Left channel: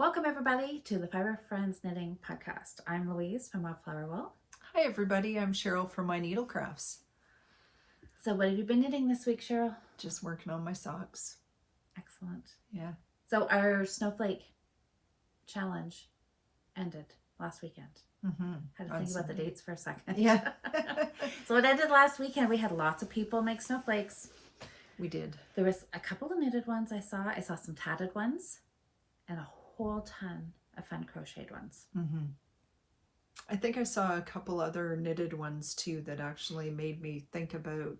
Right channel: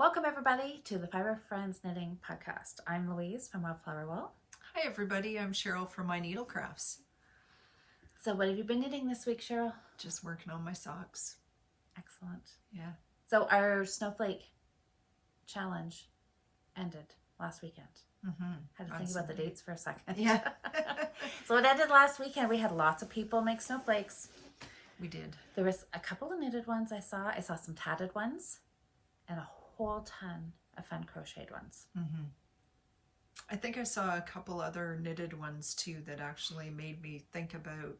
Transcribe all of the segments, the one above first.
Welcome everybody to the Fibre Friends Knitting Podcast. I'm Louise from Wildflower Wool. Hi everybody, I'm Cheryl from My Needle Crafts. So what have you been knitting this week, Cheryl? Just working on my socks. Excellent. Yeah. So our snowflake challenge ended last weekend. Had to think about the dates for a second. Yeah. So it ended last weekend. We had lots of people make snowflakes. We did. There was a couple of knitted ones I saw. I saw some tatted ones and a whole ton of fun crocheted ones. I think I saw a couple other knitted ones too that actually made me think about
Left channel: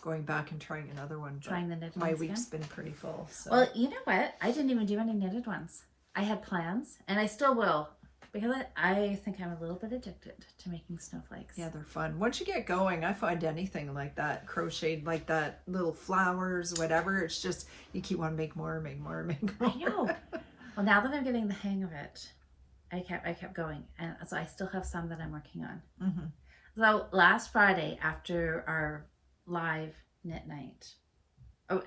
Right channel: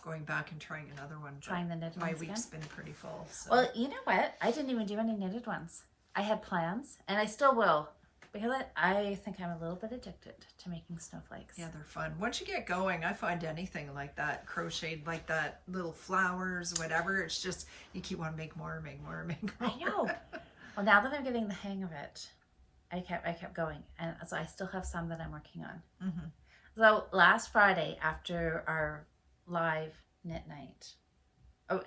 going back and trying another one. Trying the knitted my ones week's again? been pretty full. So. Well, you know what? I didn't even do any knitted ones. I had plans, and I still will, because I think I'm a little bit addicted to making snowflakes. Yeah, they're fun. Once you get going, I find anything like that, crocheted like that, little flowers, whatever, it's just, you keep wanting to make more, make more, make more. I know. Well, now that I'm getting the hang of it, I kept going, and so I still have some that I'm working on. So last Friday, after our live knit night,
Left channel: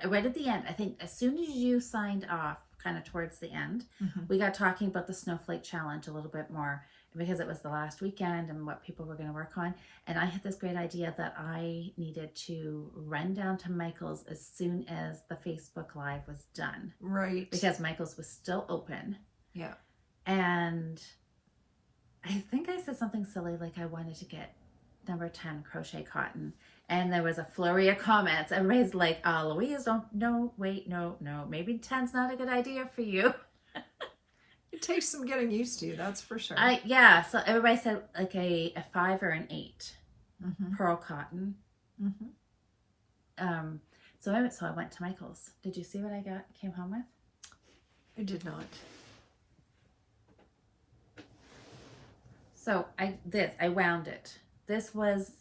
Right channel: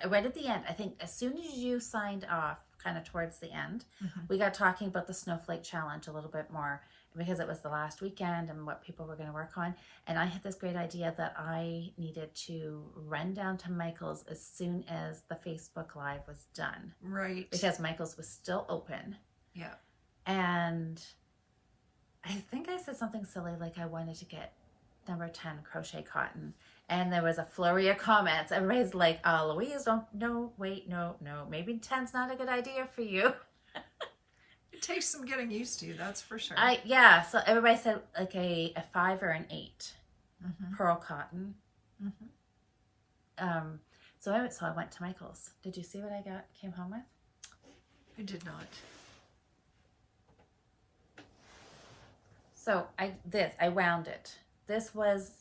right at the end, I think as soon as you signed off, kind of towards the end, we got talking about the snowflake challenge a little bit more, because it was the last weekend and what people were going to work on. And I had this great idea that I needed to run down to Michael's as soon as the Facebook Live was done. Right. Because Michael's was still open. Yeah. And I think I said something silly like I wanted to get number 10 crochet cotton. And there was a flurry of comments. Everybody's like, oh, Louise, no, maybe 10's not a good idea for you. It takes some getting used to, that's for sure. Yeah, so everybody said like a 5 or an 8 pearl cotton. So I went to Michael's. Did you see what I came home with? I did not. So I wound it. This was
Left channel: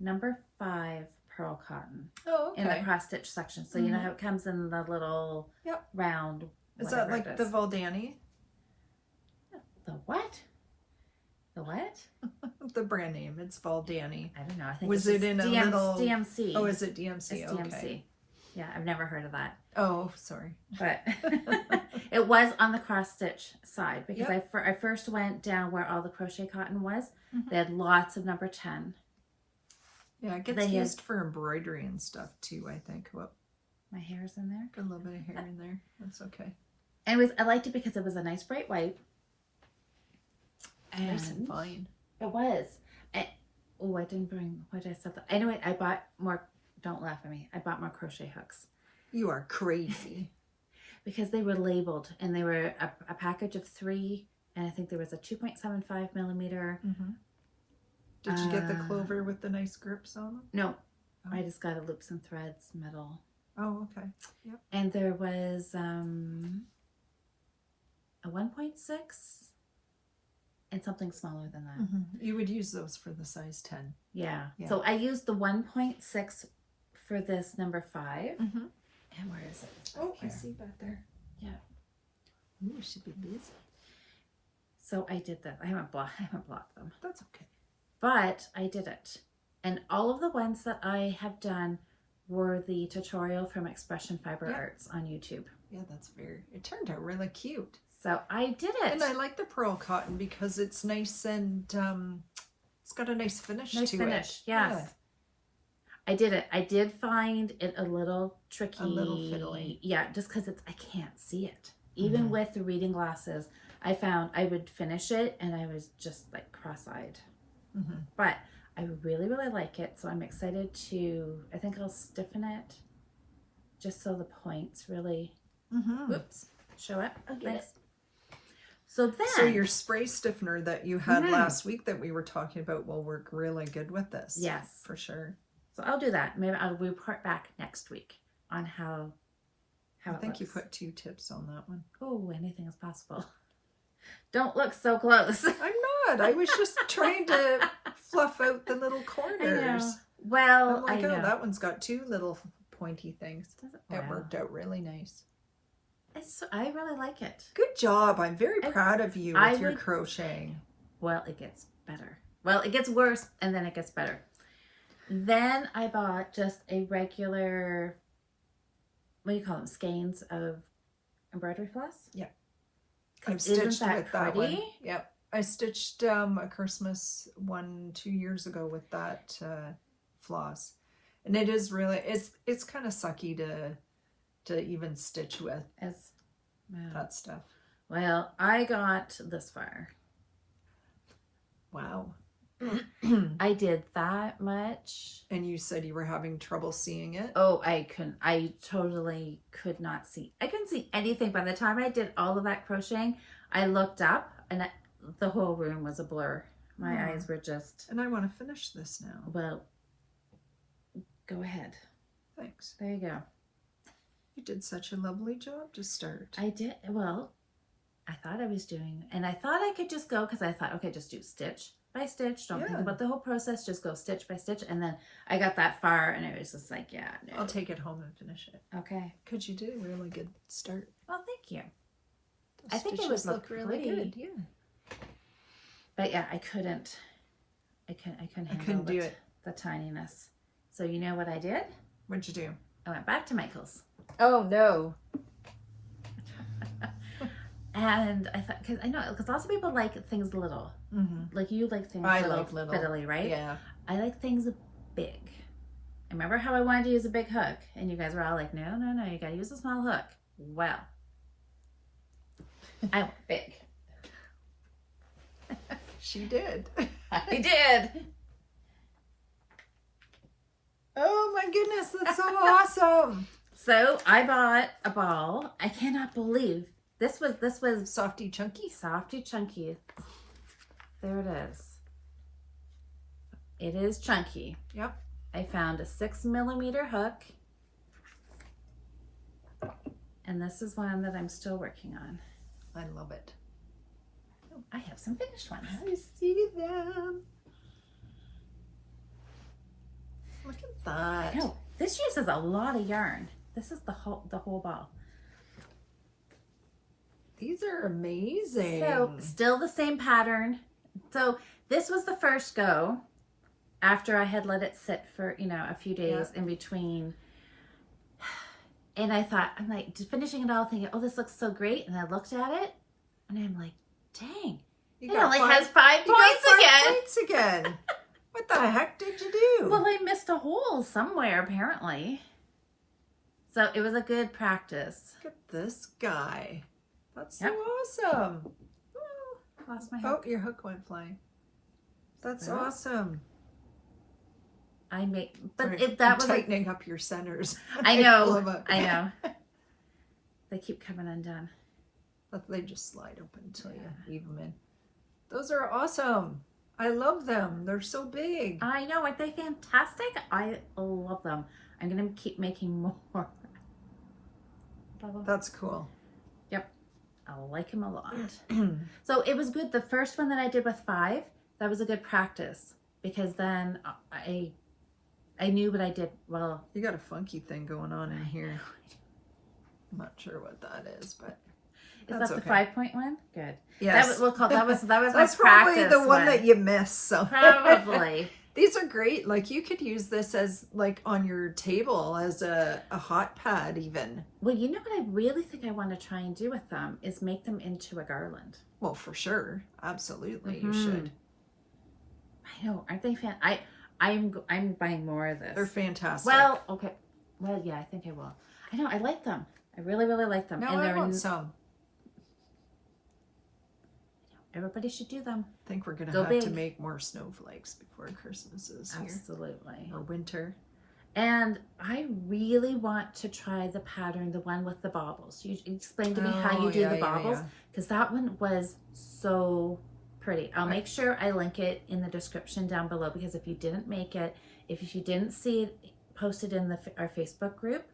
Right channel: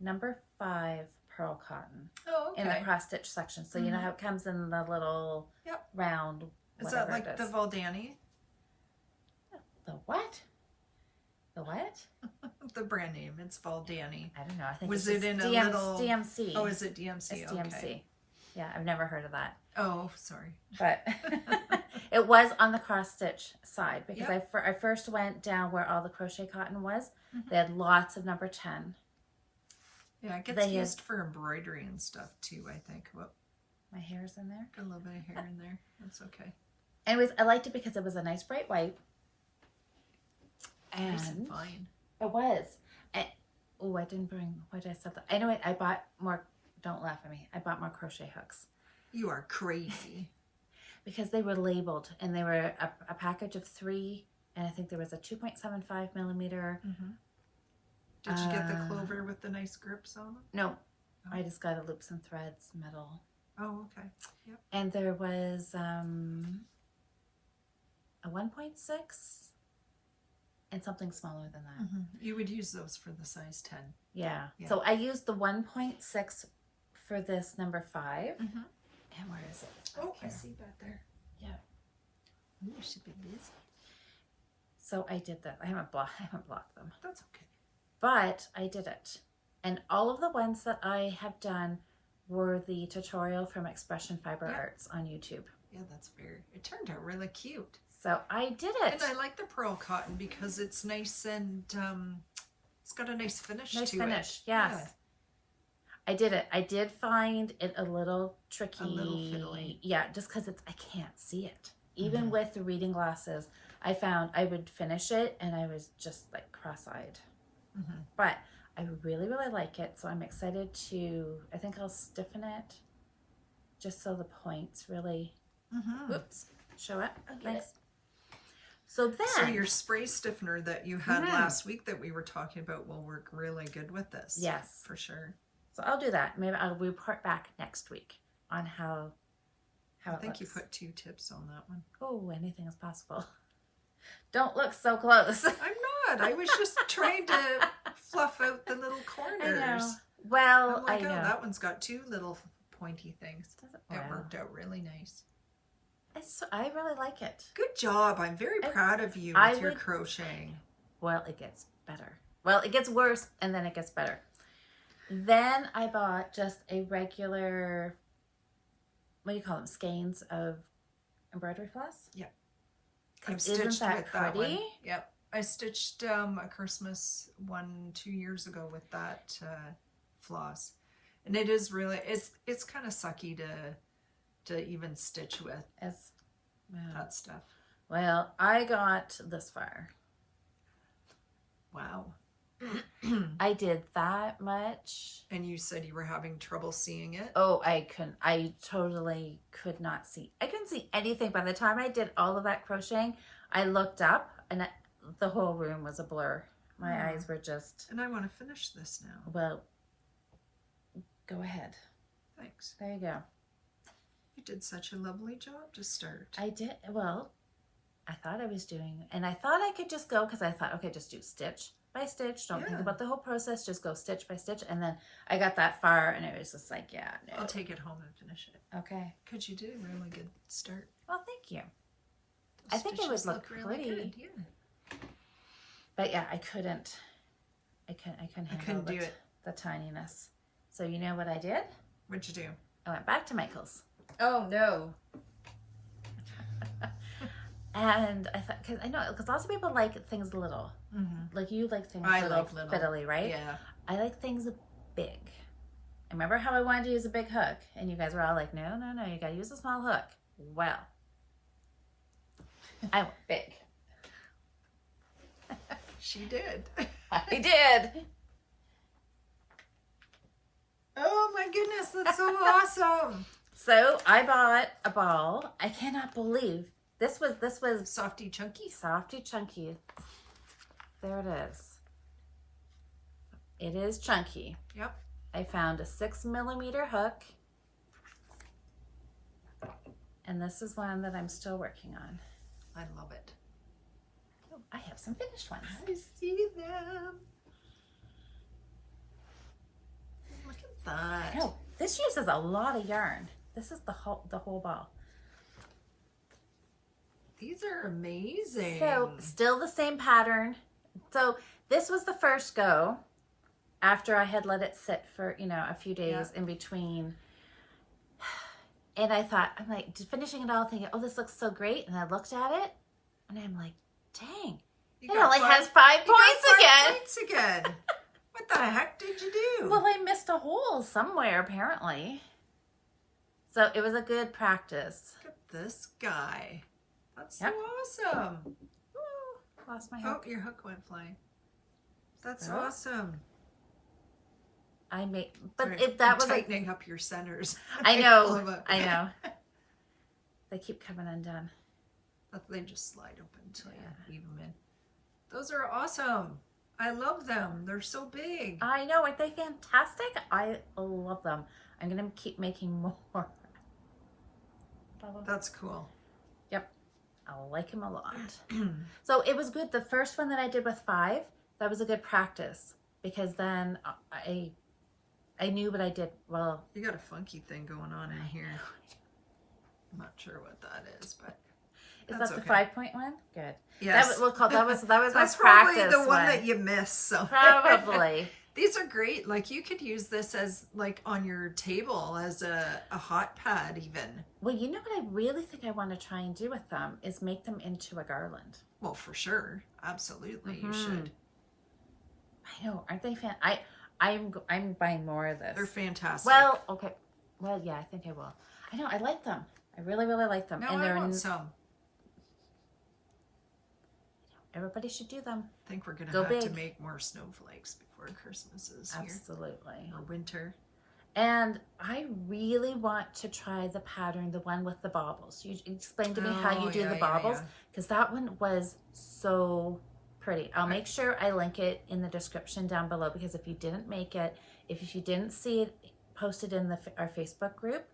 number 5 pearl cotton. Oh, okay. In the cross stitch section. So you know how it comes in the little round. Is that like the Valdani? The what? The what? The brand name. It's Valdani. I don't know. I think was it in a little DMC? Oh, is it DMC? It's okay. DMC. Yeah, I've never heard of that. Oh, sorry. But it was on the cross stitch side, because I first went down where all the crochet cotton was. They had lots of number 10. Yeah, it gets used for embroidery and stuff too, I think. Well, my hair's in there. Got a little bit of hair in there. That's okay. Anyways, I liked it because it was a nice bright white. Nice and fine. It was. I didn't bring, why did I set that? Anyway, I bought more, don't laugh at me. I bought more crochet hooks. You are crazy. Because they were labeled, and they were a package of 3, and I think there was a 2.75 millimeter. Did you get the clover with the nice grips on them? No, I just got a loops and threads metal. Oh, okay. Yep. And there was a 1.6 and something smaller than that. You would use those for the size 10. Yeah. So I used the 1.6 for this number 5. And where is it? Oh, I see back there. Yeah. Ooh, I should be busy. So I did that. I haven't blocked them. That's okay. But I did it. And all of the ones that I have done were the tutorial from Expression Fibre Arts on YouTube. Yeah, it turned out really cute. So I did it. And I like the pearl cotton because it's nice and it's got a nice finish to it. Yes. Yeah. I did it. I did find it a little tricky. A little fiddly. Yeah, just because I can't see it. Even with the reading glasses, I found I would finish it and I was just like cross-eyed. But I really, really like it. So I'm excited to, I think I'll stiffen it just so the points really, oops, show it. I'll get it. So then. So your spray stiffener that you had last week that we were talking about will work really good with this. Yes. For sure. So I'll do that. Maybe I'll report back next week on how I think you put 2 tips on that one. Oh, anything is possible. Don't look so close. I'm not. I was just trying to fluff out the little corners. Well, I'm like, oh, that one's got 2 little pointy things. It worked out really nice. I really like it. Good job. I'm very proud of you with your crocheting. Well, it gets better. Well, it gets worse and then it gets better. Then I bought just a regular, what do you call them, skeins of embroidery floss? Yep. I've stitched with that one. Yep. I stitched a Christmas one 2 years ago with that floss. And it is really, it's kind of sucky to even stitch with that stuff. Well, I got this far. Wow. I did that much. And you said you were having trouble seeing it? Oh, I totally could not see. I couldn't see anything. By the time I did all of that crocheting, I looked up and the whole room was a blur. My eyes were just... And I want to finish this now. Well, go ahead. Thanks. There you go. You did such a lovely job to start. I did. Well, I thought I was doing... And I thought I could just go because I thought, okay, just do stitch by stitch. Don't think about the whole process. Just go stitch by stitch. And then I got that far and it was just like, yeah. No. I'll take it home and finish it. Okay. Because you did a really good start. Well, thank you. Those I think it would look really good. Yeah. But yeah, I couldn't handle the tininess. So you know what I did? What'd you do? I went back to Michael's. Oh, no. And I thought, because lots of people like things little. Mm-hmm. Like you like things I love little. fiddly, right? Yeah. I like things big. I remember how I wanted to use a big hook, and you guys were all like, no, you got to use a small hook. Well, I went big. She did. I did. Oh my goodness, that's so awesome. So I bought a ball. I cannot believe this was Softy Chunky. Softy Chunky. There it is. It is chunky. Yep. I found a 6mm hook. And this is one that I'm still working on. I love it. Oh, I have some finished ones. I see them. Look at that. No, this uses a lot of yarn. This is the whole ball. These are amazing. So still the same pattern. So this was the first go after I had let it sit for, a few days in between. And I thought, I'm like finishing it all thinking, oh, this looks so great. And I looked at it and I'm like, dang. It only has 5 points again. What the heck did you do? Well, I missed a hole somewhere apparently. So it was a good practice. Look at this guy. That's so awesome. Oh, lost my hook. Oh, your hook went flying. That's awesome. That was tightening up your centers. I know. They keep coming undone. But they just slide open until you leave them in. Those are awesome. I love them. They're so big. I know. Aren't they fantastic? I love them. I'm going to keep making more. That's cool. Yep. I like them a lot. So it was good. The first one that I did with 5, that was a good practice because then I knew what I did well. You got a funky thing going on in here. I'm not sure what that is, but is that the 5-point one? Good. Yes. That was that's probably the one that you missed. So probably. These are great. Like you could use this as like on your table as a hot pad even. Well, you know what I really think I want to try and do with them is make them into a garland. Well, for sure. Absolutely. You should. I know. Aren't they I'm buying more of this. They're fantastic. Well, okay. Well, yeah, I think I will. I know. I like them. I really, really like them. No, and I want some. Everybody should do them. I think we're going to have to make more snowflakes before Christmas is here. Absolutely. Or winter. And I really want to try the pattern, the one with the baubles. You explained to me how you do the baubles. Because that one was so pretty. I'll make sure I link it in the description down below. Because if you didn't make it, if you didn't see it posted in our Facebook group.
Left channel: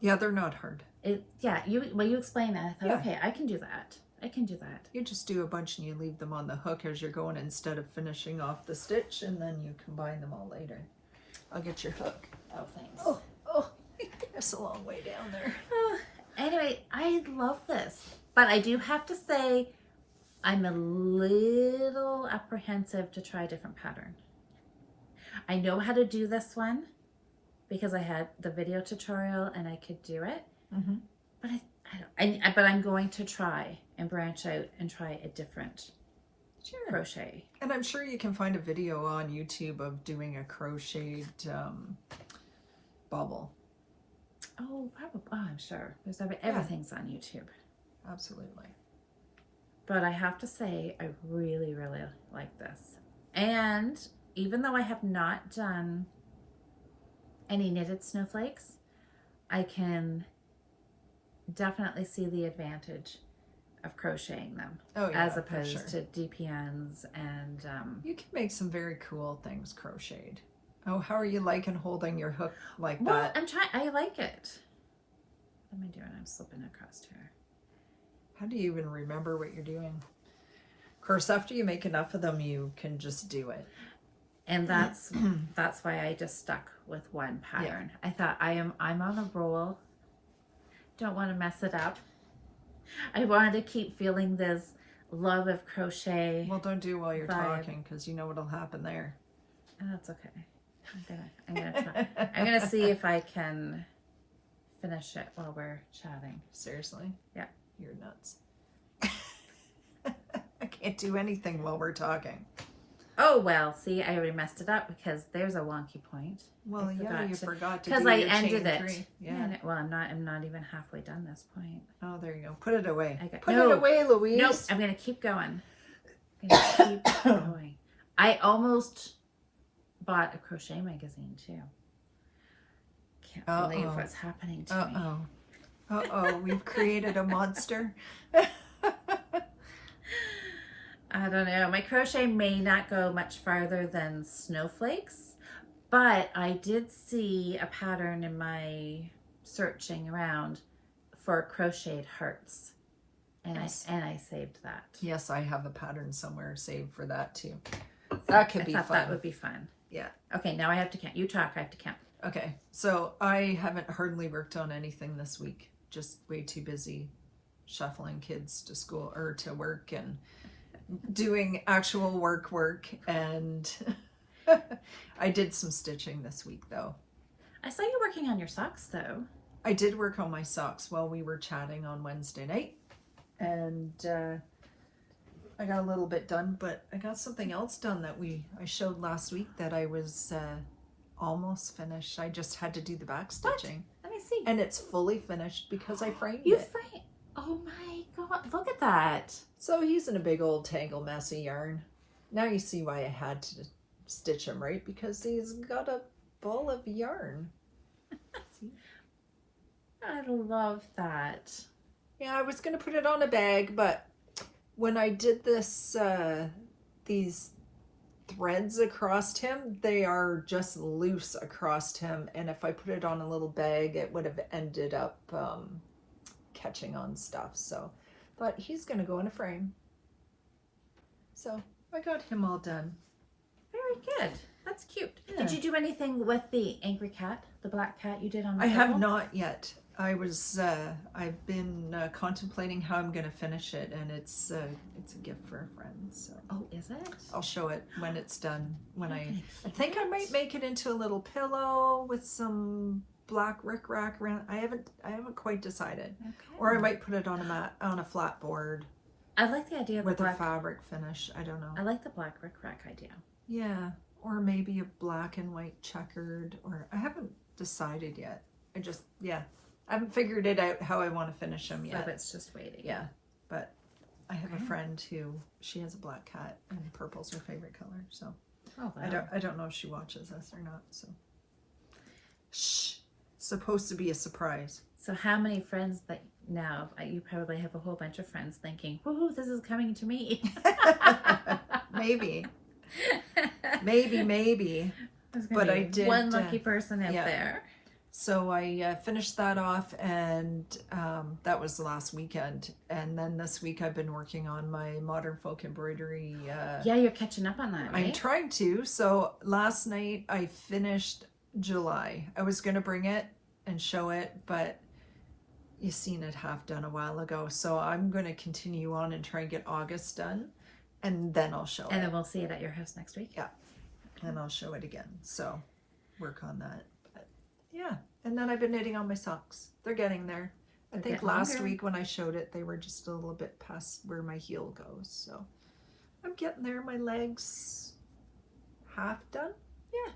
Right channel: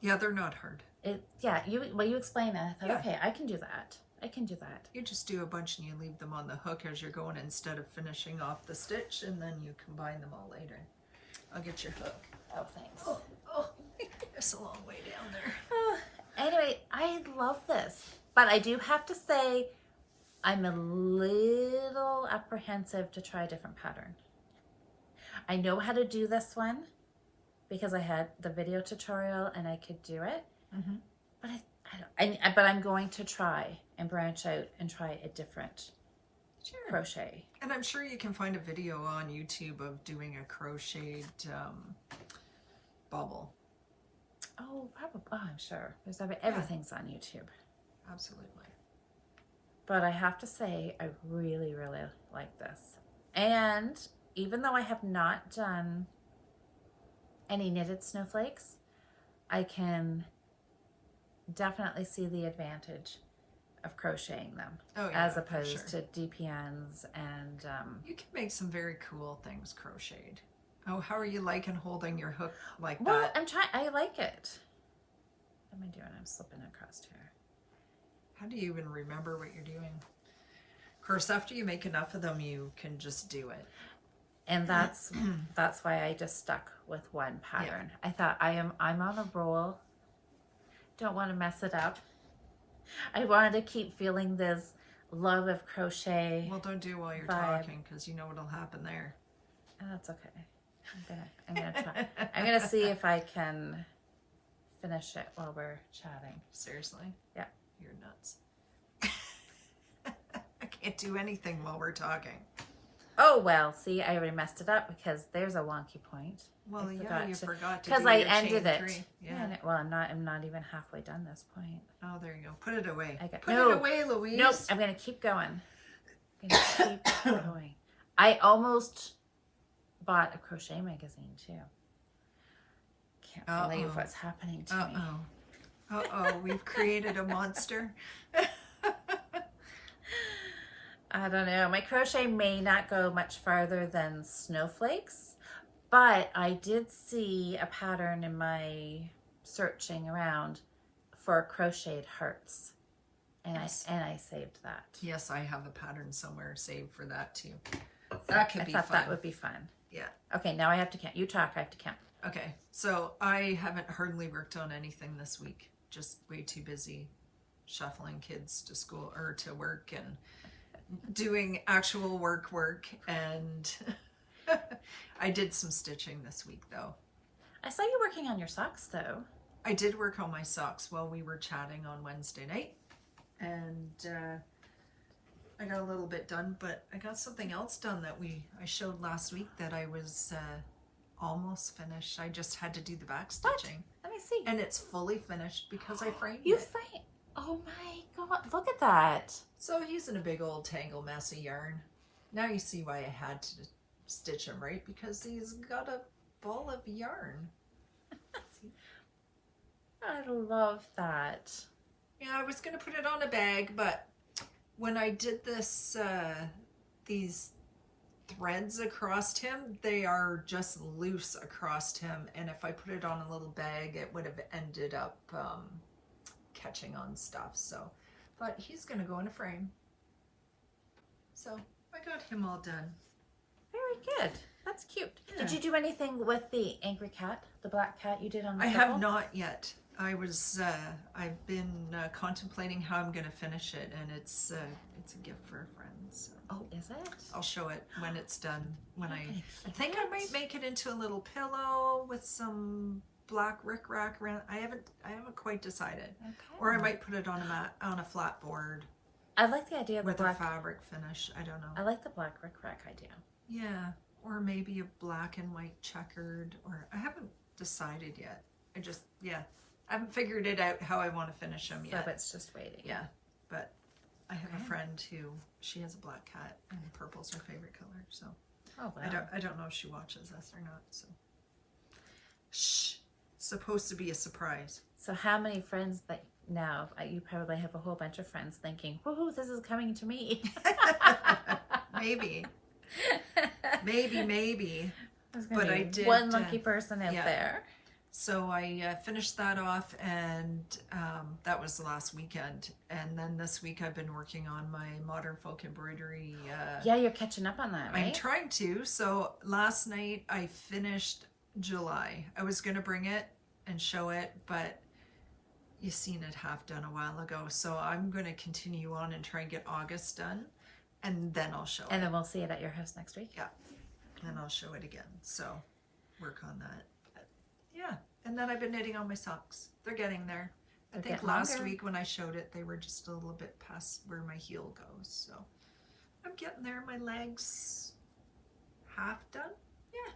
Yeah, they're not hard. You explain it. I thought, okay, I can do that. I can do that. You just do a bunch and you leave them on the hook as you're going instead of finishing off the stitch, and then you combine them all later. I'll get your hook. Oh, thanks. Oh, it's a long way down there. Anyway, I love this. But I do have to say, I'm a little apprehensive to try a different pattern. I know how to do this one because I had the video tutorial and I could do it. But I But I'm going to try and branch out and try a different crochet. And I'm sure you can find a video on YouTube of doing a crocheted bubble. Oh, probably. Oh, I'm sure. Everything's on YouTube. Absolutely. But I have to say, I really, really like this. And even though I have not done any knitted snowflakes, I can definitely see the advantage of crocheting them. Oh, yeah, as opposed to DPNs and... you can make some very cool things crocheted. Oh, how are you liking holding your hook like that? Well, I'm trying. I like it. What am I doing? I'm slipping across here. How do you even remember what you're doing? Of course, after you make enough of them, you can just do it. And that's why I just stuck with one pattern. Yeah. I thought I'm on a roll. Don't want to mess it up. I wanted to keep feeling this love of crochet. Well, don't do while you're talking, because you know what'll happen there. Oh, that's okay. I'm gonna try. I'm gonna see if I can finish it while we're chatting. Seriously? Yeah. You're nuts. I can't do anything while we're talking. Oh, well, see, I already messed it up because there's a wonky point. Well, you forgot to do your because I ended it. 3. Yeah. Well, I'm not even halfway done this point. Oh, there you go. Put it away. Put it away, Louise. Nope. I'm gonna keep going. Keep going. I almost bought a crochet magazine too. Can't believe what's happening to me. We've created a monster. I don't know. My crochet may not go much farther than snowflakes, but I did see a pattern in my searching around for crocheted hearts, and yes. I saved that. Yes, I have a pattern somewhere saved for that too. That could be fun. That would be fun. Yeah. Okay, now I have to count. You talk, I have to count. Okay, so I haven't hardly worked on anything this week. Just way too busy shuffling kids to school or to work and doing actual work. And I did some stitching this week though. I saw you working on your socks though. I did work on my socks while we were chatting on Wednesday night. And I got a little bit done, but I got something else done that I showed last week that I was almost finished. I just had to do the back stitching. Let me see. And it's fully finished because I framed it. framed? Oh my God, look at that. So he's in a big old tangle mess of yarn. Now you see why I had to stitch him, right? Because he's got a ball of yarn. I love that. Yeah, I was going to put it on a bag, but when I did this, these threads across him, they are just loose across him. And if I put it on a little bag, it would have ended up catching on stuff. So, but he's going to go in a frame. So I got him all done. Very good. That's cute. Yeah. Did you do anything with the angry cat, the black cat you did on the I have not yet. I've been contemplating how I'm going to finish it, and it's a gift for a friend. So. Oh, is it? I'll show it when it's done. I think I might make it into a little pillow with some black rickrack around. I haven't quite decided. Okay. Or I might put it on a flat board. I like the idea of with a fabric finish. I don't know. I like the black rickrack idea. Yeah, or maybe a black and white checkered. Or I haven't decided yet. I haven't figured it out how I want to finish them yet. But it's just waiting. Yeah, but I have a friend she has a black cat and purple's her favorite color. So I don't know if she watches us or not. So shh, it's supposed to be a surprise. So how many friends that now you probably have a whole bunch of friends thinking, "Woohoo, this is coming to me." Maybe. But I did one lucky person out there. So I finished that off, and that was the last weekend. And then this week I've been working on my modern folk embroidery. Yeah, you're catching up on that, right? I'm trying to. So last night I finished July. I was going to bring it and show it, but you seen it half done a while ago. So I'm going to continue on and try and get August done, and then I'll show it. And then we'll see it at your house next week. Yeah. And I'll show it again. So work on that. Yeah, and then I've been knitting on my socks. They're getting there. I think last week when I showed it, they were just a little bit past where my heel goes. So I'm getting there. My legs half done. Yeah.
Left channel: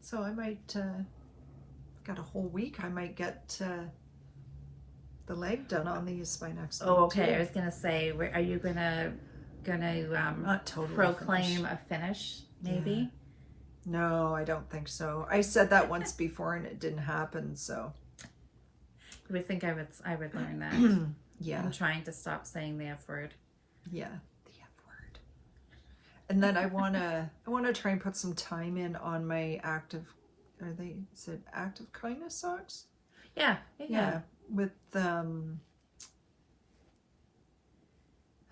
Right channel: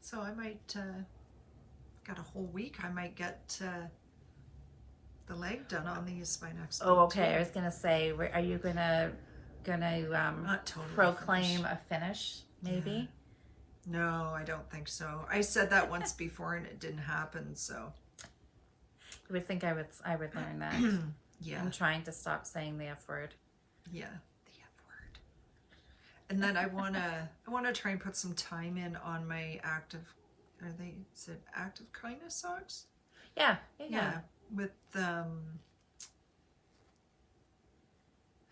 So I might, got a whole week. I might get the leg done on these by next week. Oh, okay. Too. I was gonna say, are you gonna not totally proclaim a finish? Maybe. Yeah. No, I don't think so. I said that once before and it didn't happen. So you would think I would learn that. Yeah. I'm trying to stop saying the F word. Yeah, the F word. And then I wanna try and put some time in on my active. Is it active kindness socks? Yeah. With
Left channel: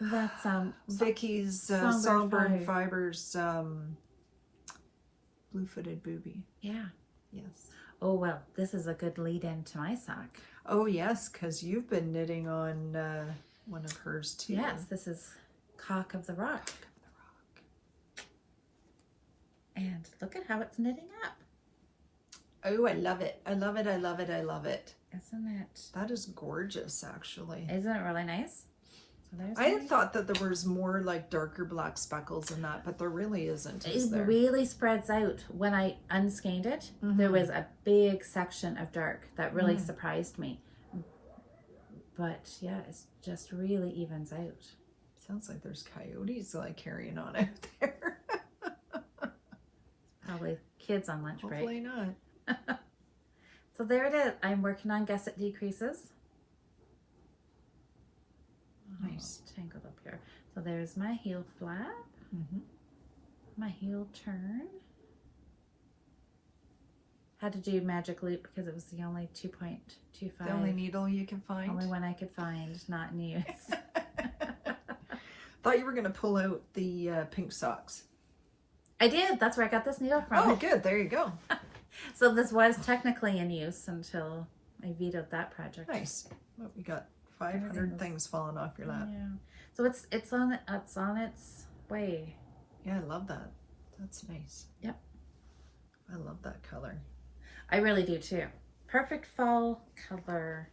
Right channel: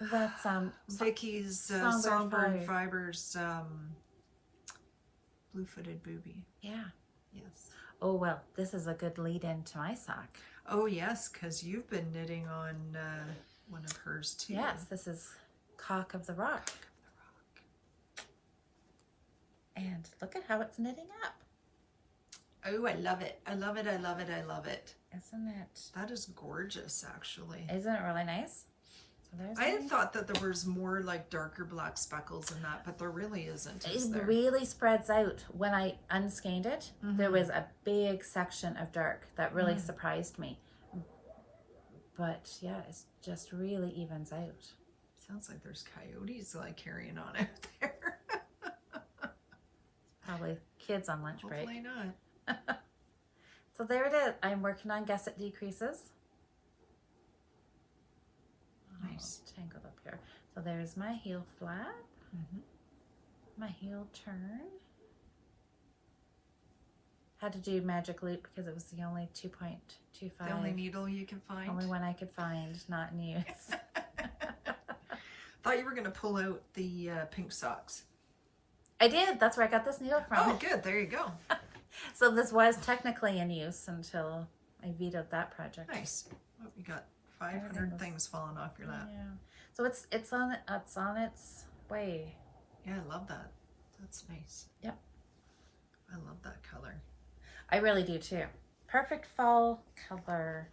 that's Vicky's Songbird Fibers blue-footed booby. Yeah. Yes. Oh well, this is a good lead into my sock. Oh yes, because you've been knitting on one of hers too. Yes, this is Cock of the Rock. And look at how it's knitting up. Oh, I love it. I love it. I love it. I love it. Isn't it? That is gorgeous, actually. Isn't it really nice? So I had thought that there was more like darker black speckles in that, but there really isn't, is there? It really spreads out. When I unskeined it, there was a big section of dark that really surprised me. But yeah, it just really evens out. Sounds like there's coyotes like carrying on out there. Probably kids on lunch break. Hopefully not. So there it is. I'm working on Guess It Decreases. Nice. Tangled up here. So there's my heel flap. My heel turn. Had to do magic loop because it was the only 2.25. The only needle you can find? Only one I could find, not in use. Thought you were going to pull out the pink socks. I did. That's where I got this needle from. Oh, good. There you go. So this was technically in use until I vetoed that project. Nice. Well, we got 500 things falling off your lap. Yeah. So it's on its way. Yeah, I love that. That's nice. Yep. I love that color. I really do too. Perfect fall color.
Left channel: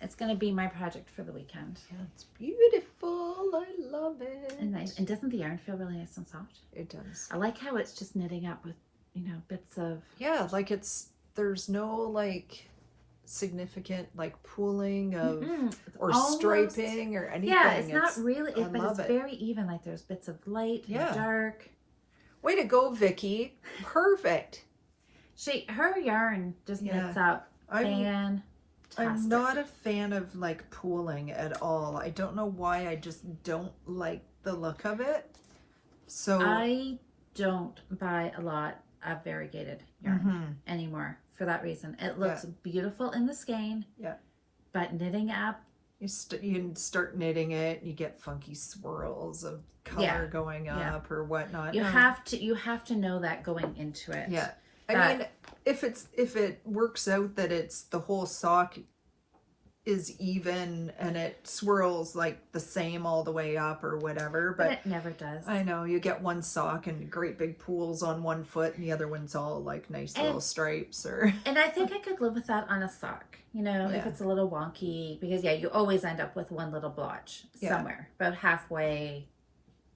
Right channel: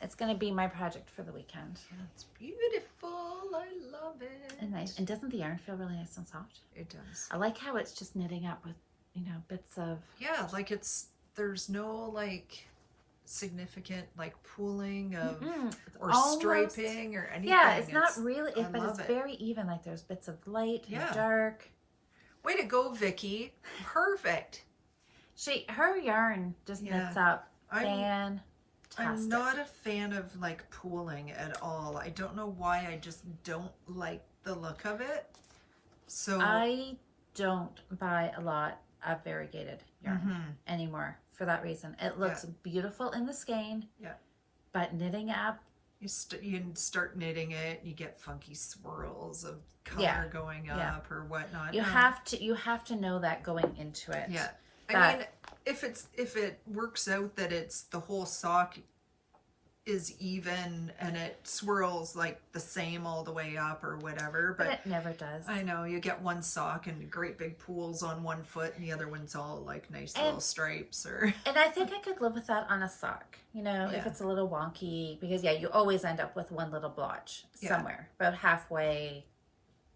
It's going to be my project for the weekend. Yeah, it's beautiful. I love it. And nice. And doesn't the yarn feel really nice and soft? It does. I like how it's just knitting up with, bits of... Yeah, like there's no like significant like pooling of or almost, striping or anything. Yeah, it's not really, but it's it. very even. Like there's bits of light and dark. Way to go, Vicky. Perfect. Her yarn just knits up. I'm not a fan of like pooling at all. I don't know why. I just don't like the look of it. So I don't buy a lot of variegated yarn anymore for that reason. It looks beautiful in the skein. Yeah. But knitting up, you start knitting it, you get funky swirls of color going up or whatnot. You have to know that going into it. Yeah. I mean, if it works out that it's the whole sock is even and it swirls like the same all the way up or whatever, but it never does. I know you get one sock and great big pools on one foot and the other one's all like nice little stripes and I think I could live with that on a sock, if it's a little wonky, because you always end up with one little blotch somewhere about halfway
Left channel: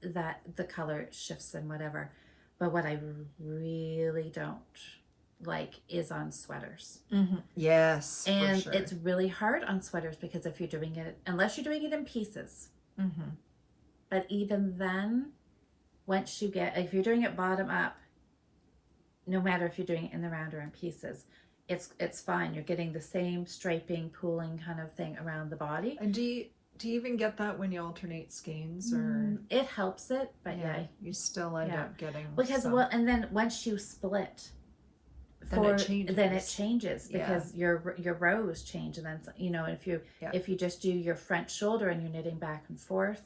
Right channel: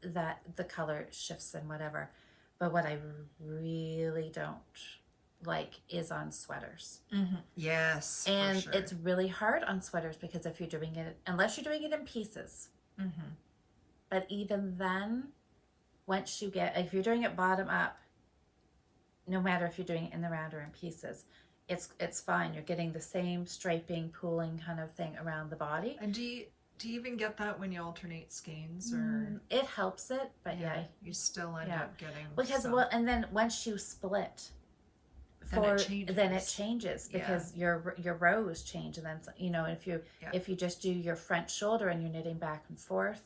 that the color shifts and whatever. But what I really don't like is on sweaters. Yes, and it's really hard on sweaters because if you're doing it, unless you're doing it in pieces, but even then, once you get, if you're doing it bottom up, no matter if you're doing it in the round or in pieces, it's fine. You're getting the same striping, pooling kind of thing around the body. And do you even get that when you alternate skeins, or it helps it, but you still end up getting because and then once you split, then it changes because your rows change, and then if you just do your front shoulder and you're knitting back and forth,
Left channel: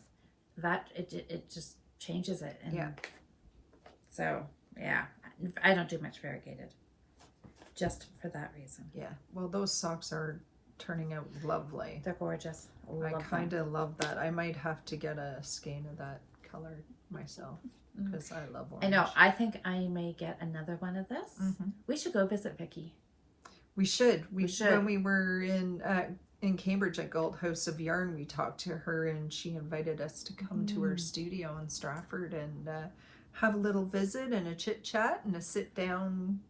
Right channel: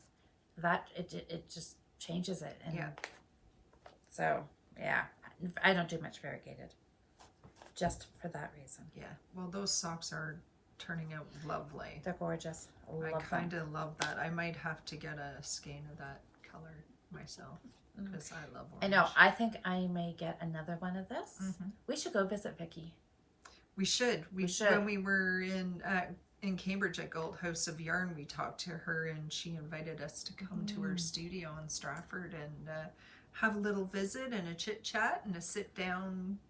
that it just changes it. And so I don't do much variegated just for that reason. Yeah, well, those socks are turning out lovely. They're gorgeous. I kind of love that. I might have to get a skein of that color myself because I love orange. I know. I think I may get another one of this. We should go visit Vicky. We should. We should. When we were in Cambridge at Gold House of Yarn, we talked to her and she invited us to come to her studio in Stratford and have a little visit and a chit chat and a sit down.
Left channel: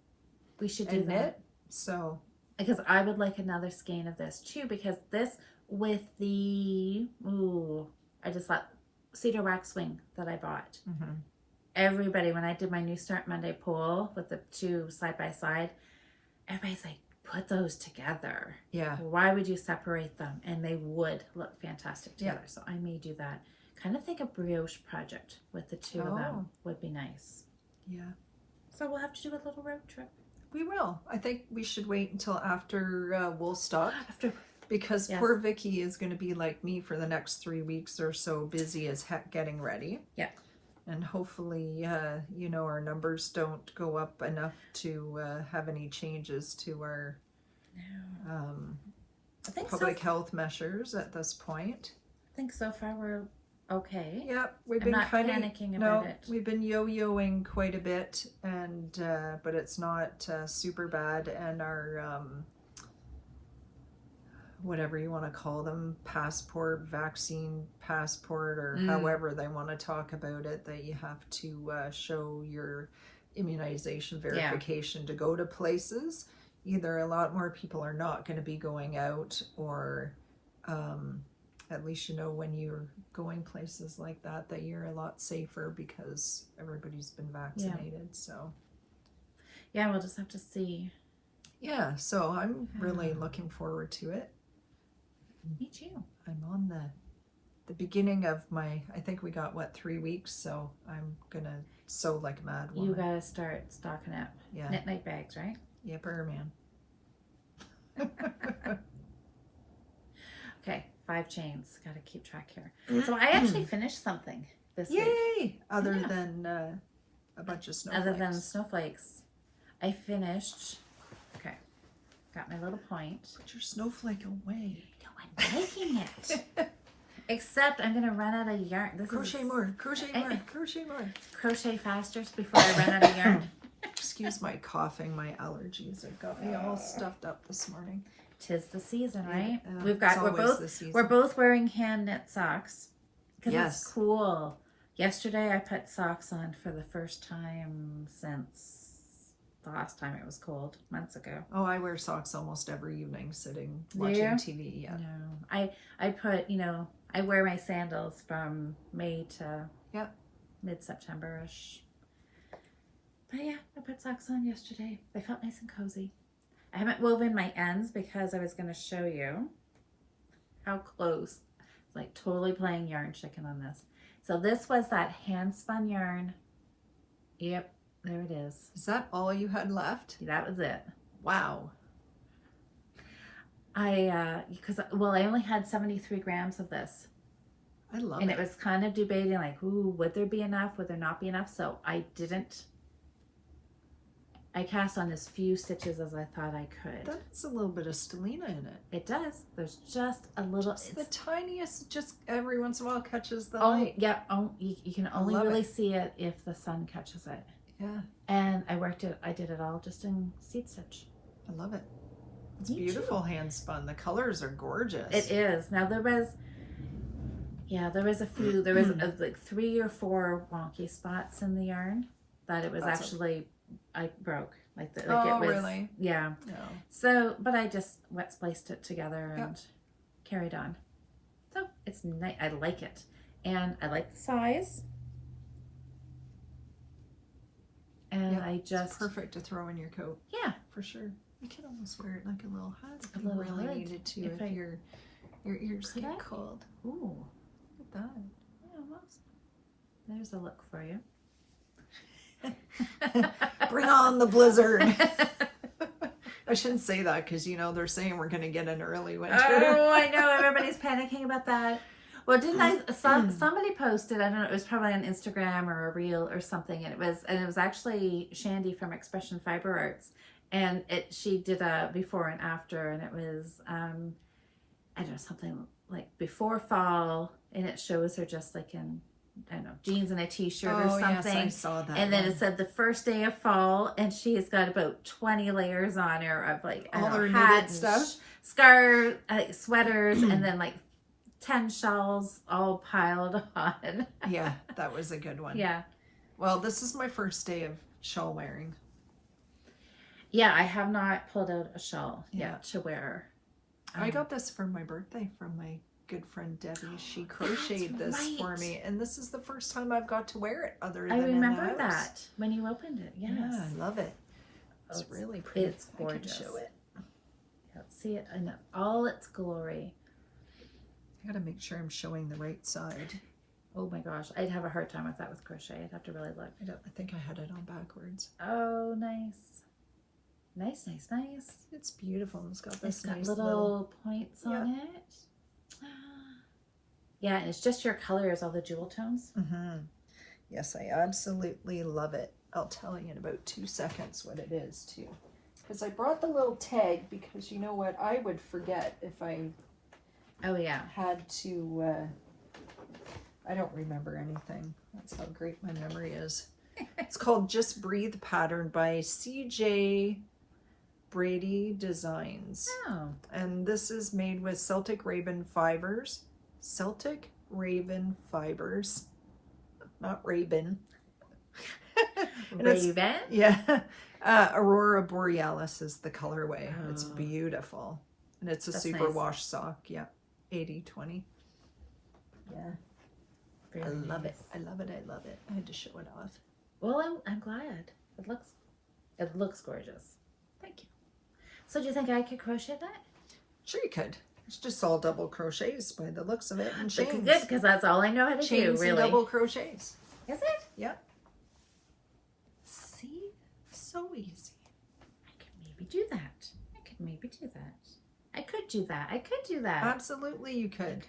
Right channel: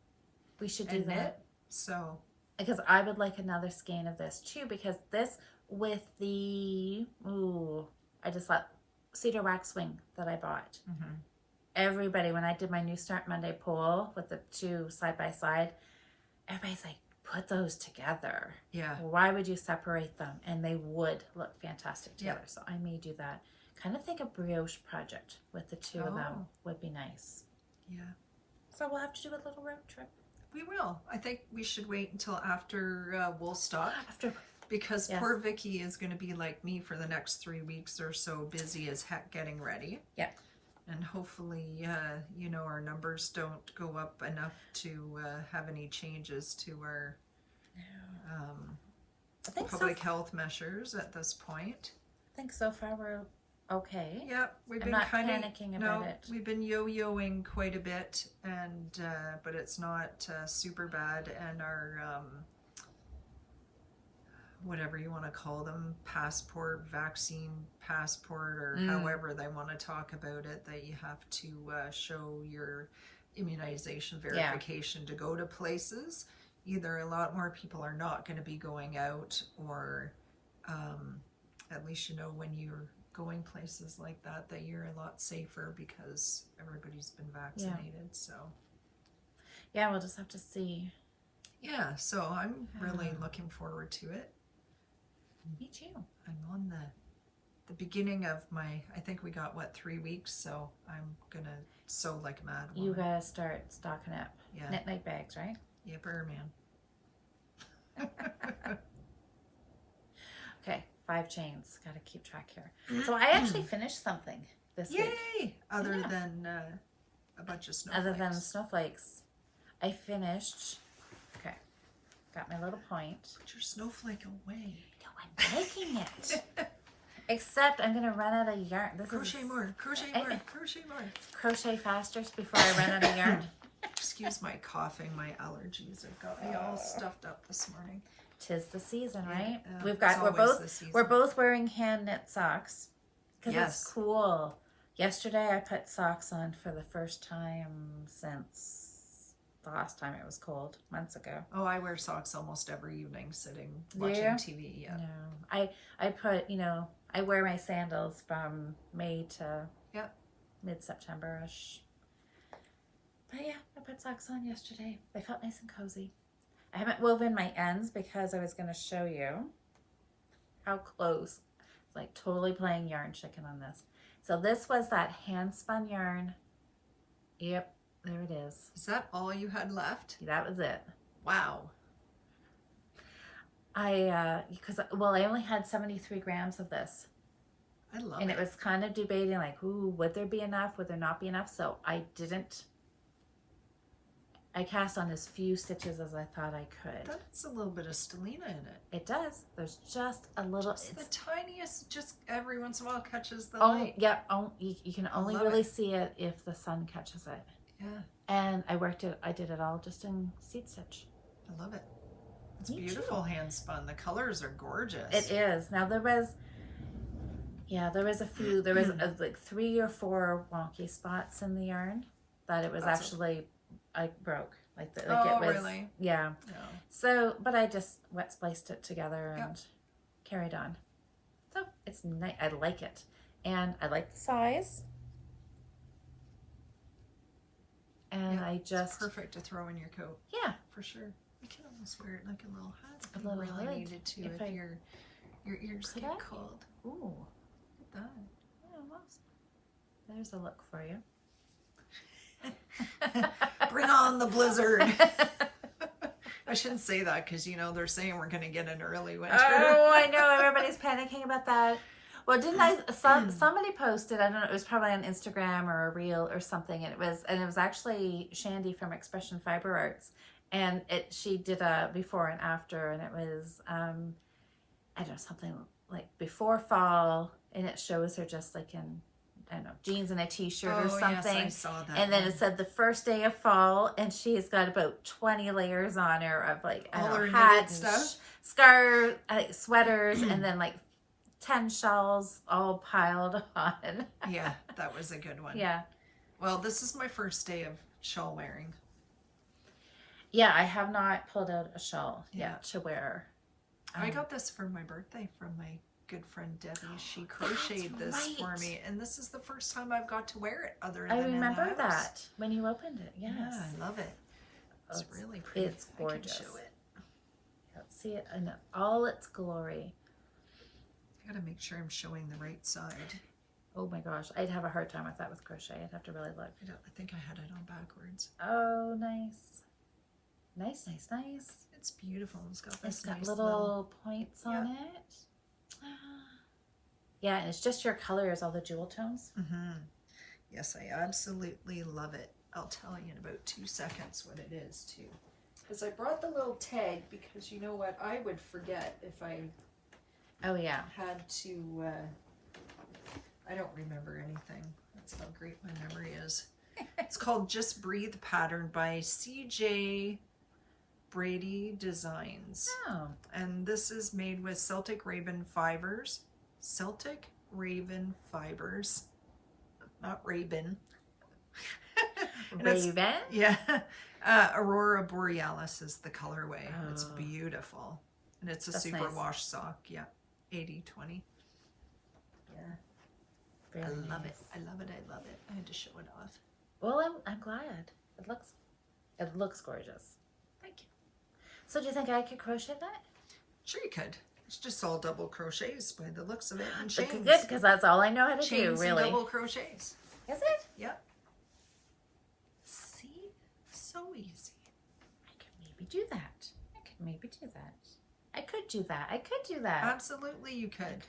We should do that. Knit. So, because I would like another skein of this too, because this with the I just thought cedar waxwing that I bought. Everybody, when I did my New Start Monday poll with the two side by side, everybody's like, put those together. Yeah. Why would you separate them? And they would look fantastic together. So I may do that. Kind of think a brioche project with the two of them would be nice. Yeah. So we'll have to do a little road trip. We will. I think we should wait until after Woolstock. Because Yes. poor Vicky is going to be like me for the next 3 weeks or so, busy as heck getting ready. Yeah. And hopefully, you know, our numbers don't go up enough to have any changes to our public health measures at this point. I think so far we're okay. Yep, we've I'm been not kind of panicking about it. We've been yo-yoing quite a bit, and but it's not super bad. And our whatever you want to call them, vaccine passport, or however they want to talk about it, that you have to show your immunization verification to go to places. Either a lot more people are not going to be going out, or at least you know when you're going places like that you're a lot safer because everybody's been vaccinated. So yeah, we'll just have to see. Yeah, so I'm really looking forward to it. Me too. I'm on the beginning of my, I think we got 3 weeks, so I'm gonna sew like a mad woman. You gotta start stocking up. Yeah. Knit night bags, right? Yipper, man. Okay, 5 chains. Gotta keep track here. So I actually finished something this week. Yay! Other than a bunch of snowflakes. Other than snowflakes. I finished, okay, got my little point. Put your snowflake away. No, I'm making it. Except I'm gonna run out of yarn. Crochet more, crochet more, crochet more. Crochet faster before I run out of yarn. Excuse my coughing, my allergies have got me all stuffed up this morning. 'Tis the season, right? It's We're both wearing hand knit socks because Yes. it's cool. Yesterday I put socks on for the first time since the last time it was cold, months ago. Oh, I wear socks almost every evening sitting Do watching you? TV. Yeah. No, I put, you know, I wear my sandals from May to mid-September-ish. But yeah, I put socks on yesterday. They felt nice and cozy. I haven't woven my ends because I was going to show you how close. It's like totally playing yarn chicken on this. So this was that hand spun yarn. Yep, there it is. Is that all you had left? That was it. Wow. I only had 73 grams of this. I love And it. it was kind of debating like, ooh, would there be enough? Would there not be enough? So I cast on as few stitches as I thought I could. That is a little bit of stellina in it. It does. There's just a little. Just the tiniest, just every once in a while catches the Oh, light. yeah. Oh, you can only love really it. see it if the sun catches it. Yeah, And I did it all just in seed stitch. I love it. It's Me beautiful too. hand spun. The colors are gorgeous. It is. Now there was a few, there was like 3 or 4 wonky spots in the yarn that it was I broke. Like it was, really? Yeah. No. So, but I just wet spliced it together and carried on. So it's nice. I like it. And I like the size. And I It's just, perfect to throw in your coat. yeah. For sure. You can almost wear it like a little hat if A you little really hood, needed to, if if your ears Could get I? cold. Ooh. Look at that. Yeah, almost. There's a look for you. Bring on the blizzard. I shouldn't say that because, you know, they're saying we're going to get an early winter. Oh, I know. Everybody's panicking about that. Well, somebody posted, I don't know, it was probably on Instagram or a reel or something, and it was actually Shandy from Expression Fiber Arts, and she did a before and after, and it was, I don't know, something like before fall, and it shows her just like in I don't know, jeans and a t-shirt or Oh, something. yes, I saw that. And then it said the first day of fall, and she's got about 20 layers on her of like all her hat knitted and stuff. Scarves, sweaters, and then like 10 shawls all piled on. Yeah, that was a good one. Yeah. Well, this is my first day of shawl wearing. Yeah, I have not pulled out a shawl Yeah. yet to wear. I got this for my birthday from my good friend Debbie. She crocheted this right. for me, and this is the first time I've got to wear it other I than remember in the house. that when you opened it. Yes. Yeah, I love it. It's really pretty. It's gorgeous. I can show it. Let's see it in all its glory. I gotta make sure I'm showing the right side. Oh my gosh, I'd have a hard time with that with crochet. I'd have to really look. I think I had it on backwards. Oh, nice. Nice, nice, nice. It's beautiful. It's got this It's got nice little points on it. Yeah, and it's just your colors, all the jewel tones. Mm-hmm. Yes, I absolutely love it. I'll tell you in about 2 seconds what it is too. Because I brought the little tag because you know what? I would forget if I had to, I don't remember anything. That's how great my memory is. It's called Just Breathe Pattern by CJ Brady Designs. Oh. And this is made with Celtic Raven fibers. Celtic Raven fibers. Not Raven. Raven? Yeah. Aurora Borealis is the colorway. Oh. It's beautiful. And it's a super wash sock. Yeah. 80/20. Yeah. I love it. I love it. I love it. I had to show it off. Well, I'm glad. It looks gorgeous. Thank you. So do you think I could crochet that? Sure you could. It's just all double crochets by the looks of it, and chains. Good, because that's all I know how to do, chains really. and double crochets. Is it? Yep. See? So easy. I could maybe do that. I could maybe do that. I could do that. I could do that. Absolutely you could.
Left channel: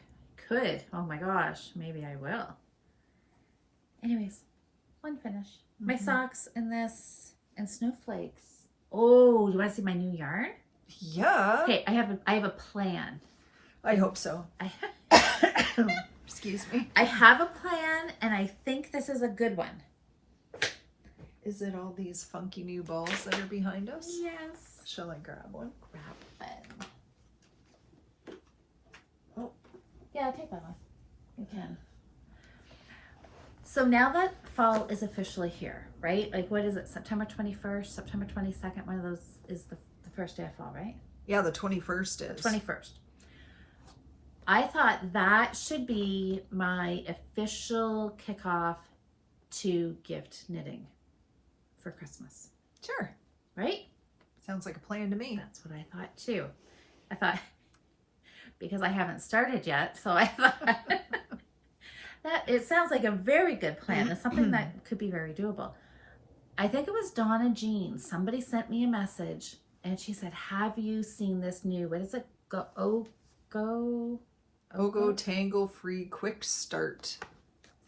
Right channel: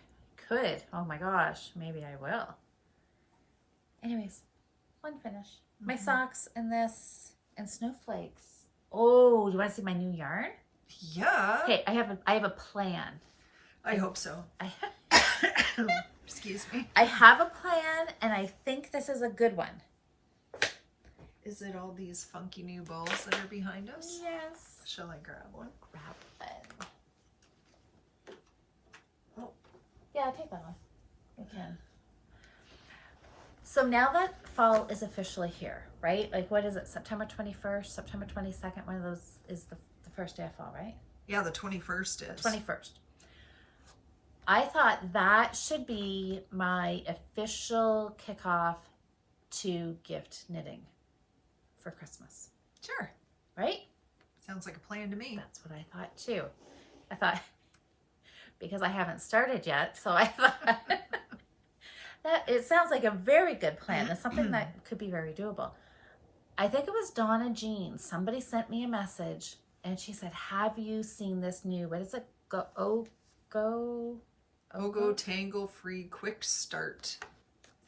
Could. Oh my gosh. Maybe I will. Anyways, one finish. My socks and this and snowflakes. Oh, you want to see my new yarn? Yeah. Okay, I have a plan. I hope so. Excuse me. I have a plan, and I think this is a good one. Is it all these funky new balls that are behind us? Yes. Shall I grab one? Grab one. Oh, yeah, take that one. You can. So now that fall is officially here, right? Like, what is it? September 21st, September 22nd. One of those is the first day of fall, right? Yeah, the 21st is. 21st. I thought that should be my official kickoff to gift knitting for Christmas. Sure. Right? Sounds like a plan to me. That's what I thought too. I thought, because I haven't started yet, so I thought that it sounds like a very good plan. It's something that could be very doable. I think it was Donna Jean. Somebody sent me a message and she said, have you seen this new, what is it? Ogo Tangle Free Quick Start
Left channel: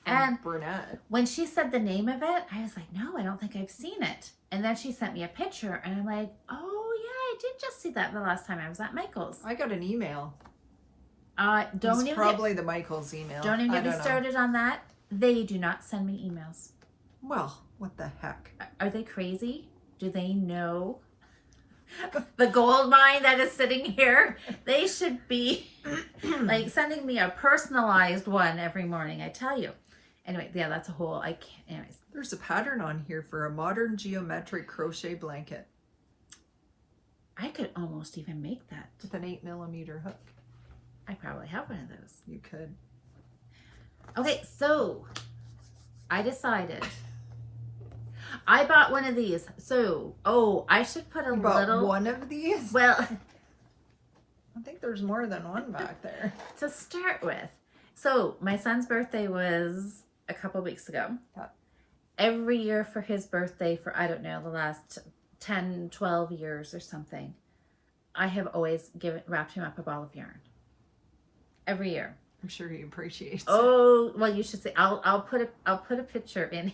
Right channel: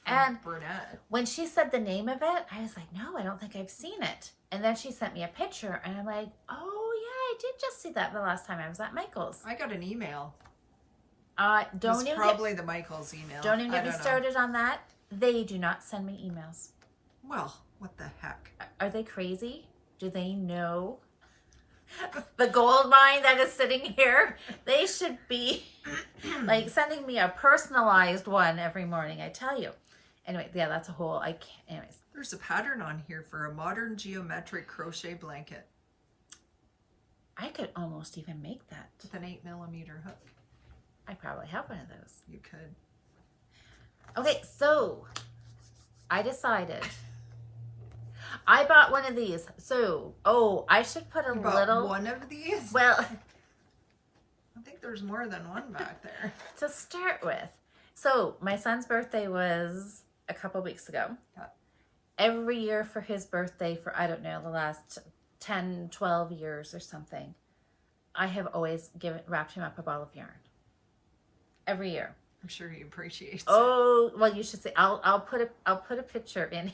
from Burnett. When she said the name of it, I was like, no, I don't think I've seen it. And then she sent me a picture and I'm like, oh yeah, I did just see that the last time I was at Michael's. I got an email. Don't even probably the Michael's email. Don't even get me started on that. They do not send me emails. Well, what the heck? Are they crazy? Do they know the gold mine that is sitting here? They should be like sending me a personalized one every morning, I tell you. Anyway, yeah, that's a whole, anyways. There's a pattern on here for a modern geometric crochet blanket. I could almost even make that. With an 8mm hook. I probably have one of those. You could. Okay, so I decided. I bought one of these. So, I should put a you little. Bought one of these? Well, I think there's more than one back there. To start with. So, my son's birthday was a couple weeks ago. Yeah. Every year for his birthday for, I don't know, the last 10, 12 years or something, I have always wrapped him up a ball of yarn. Every year. I'm sure he appreciates it. Oh, well, you should see. I'll put a picture in.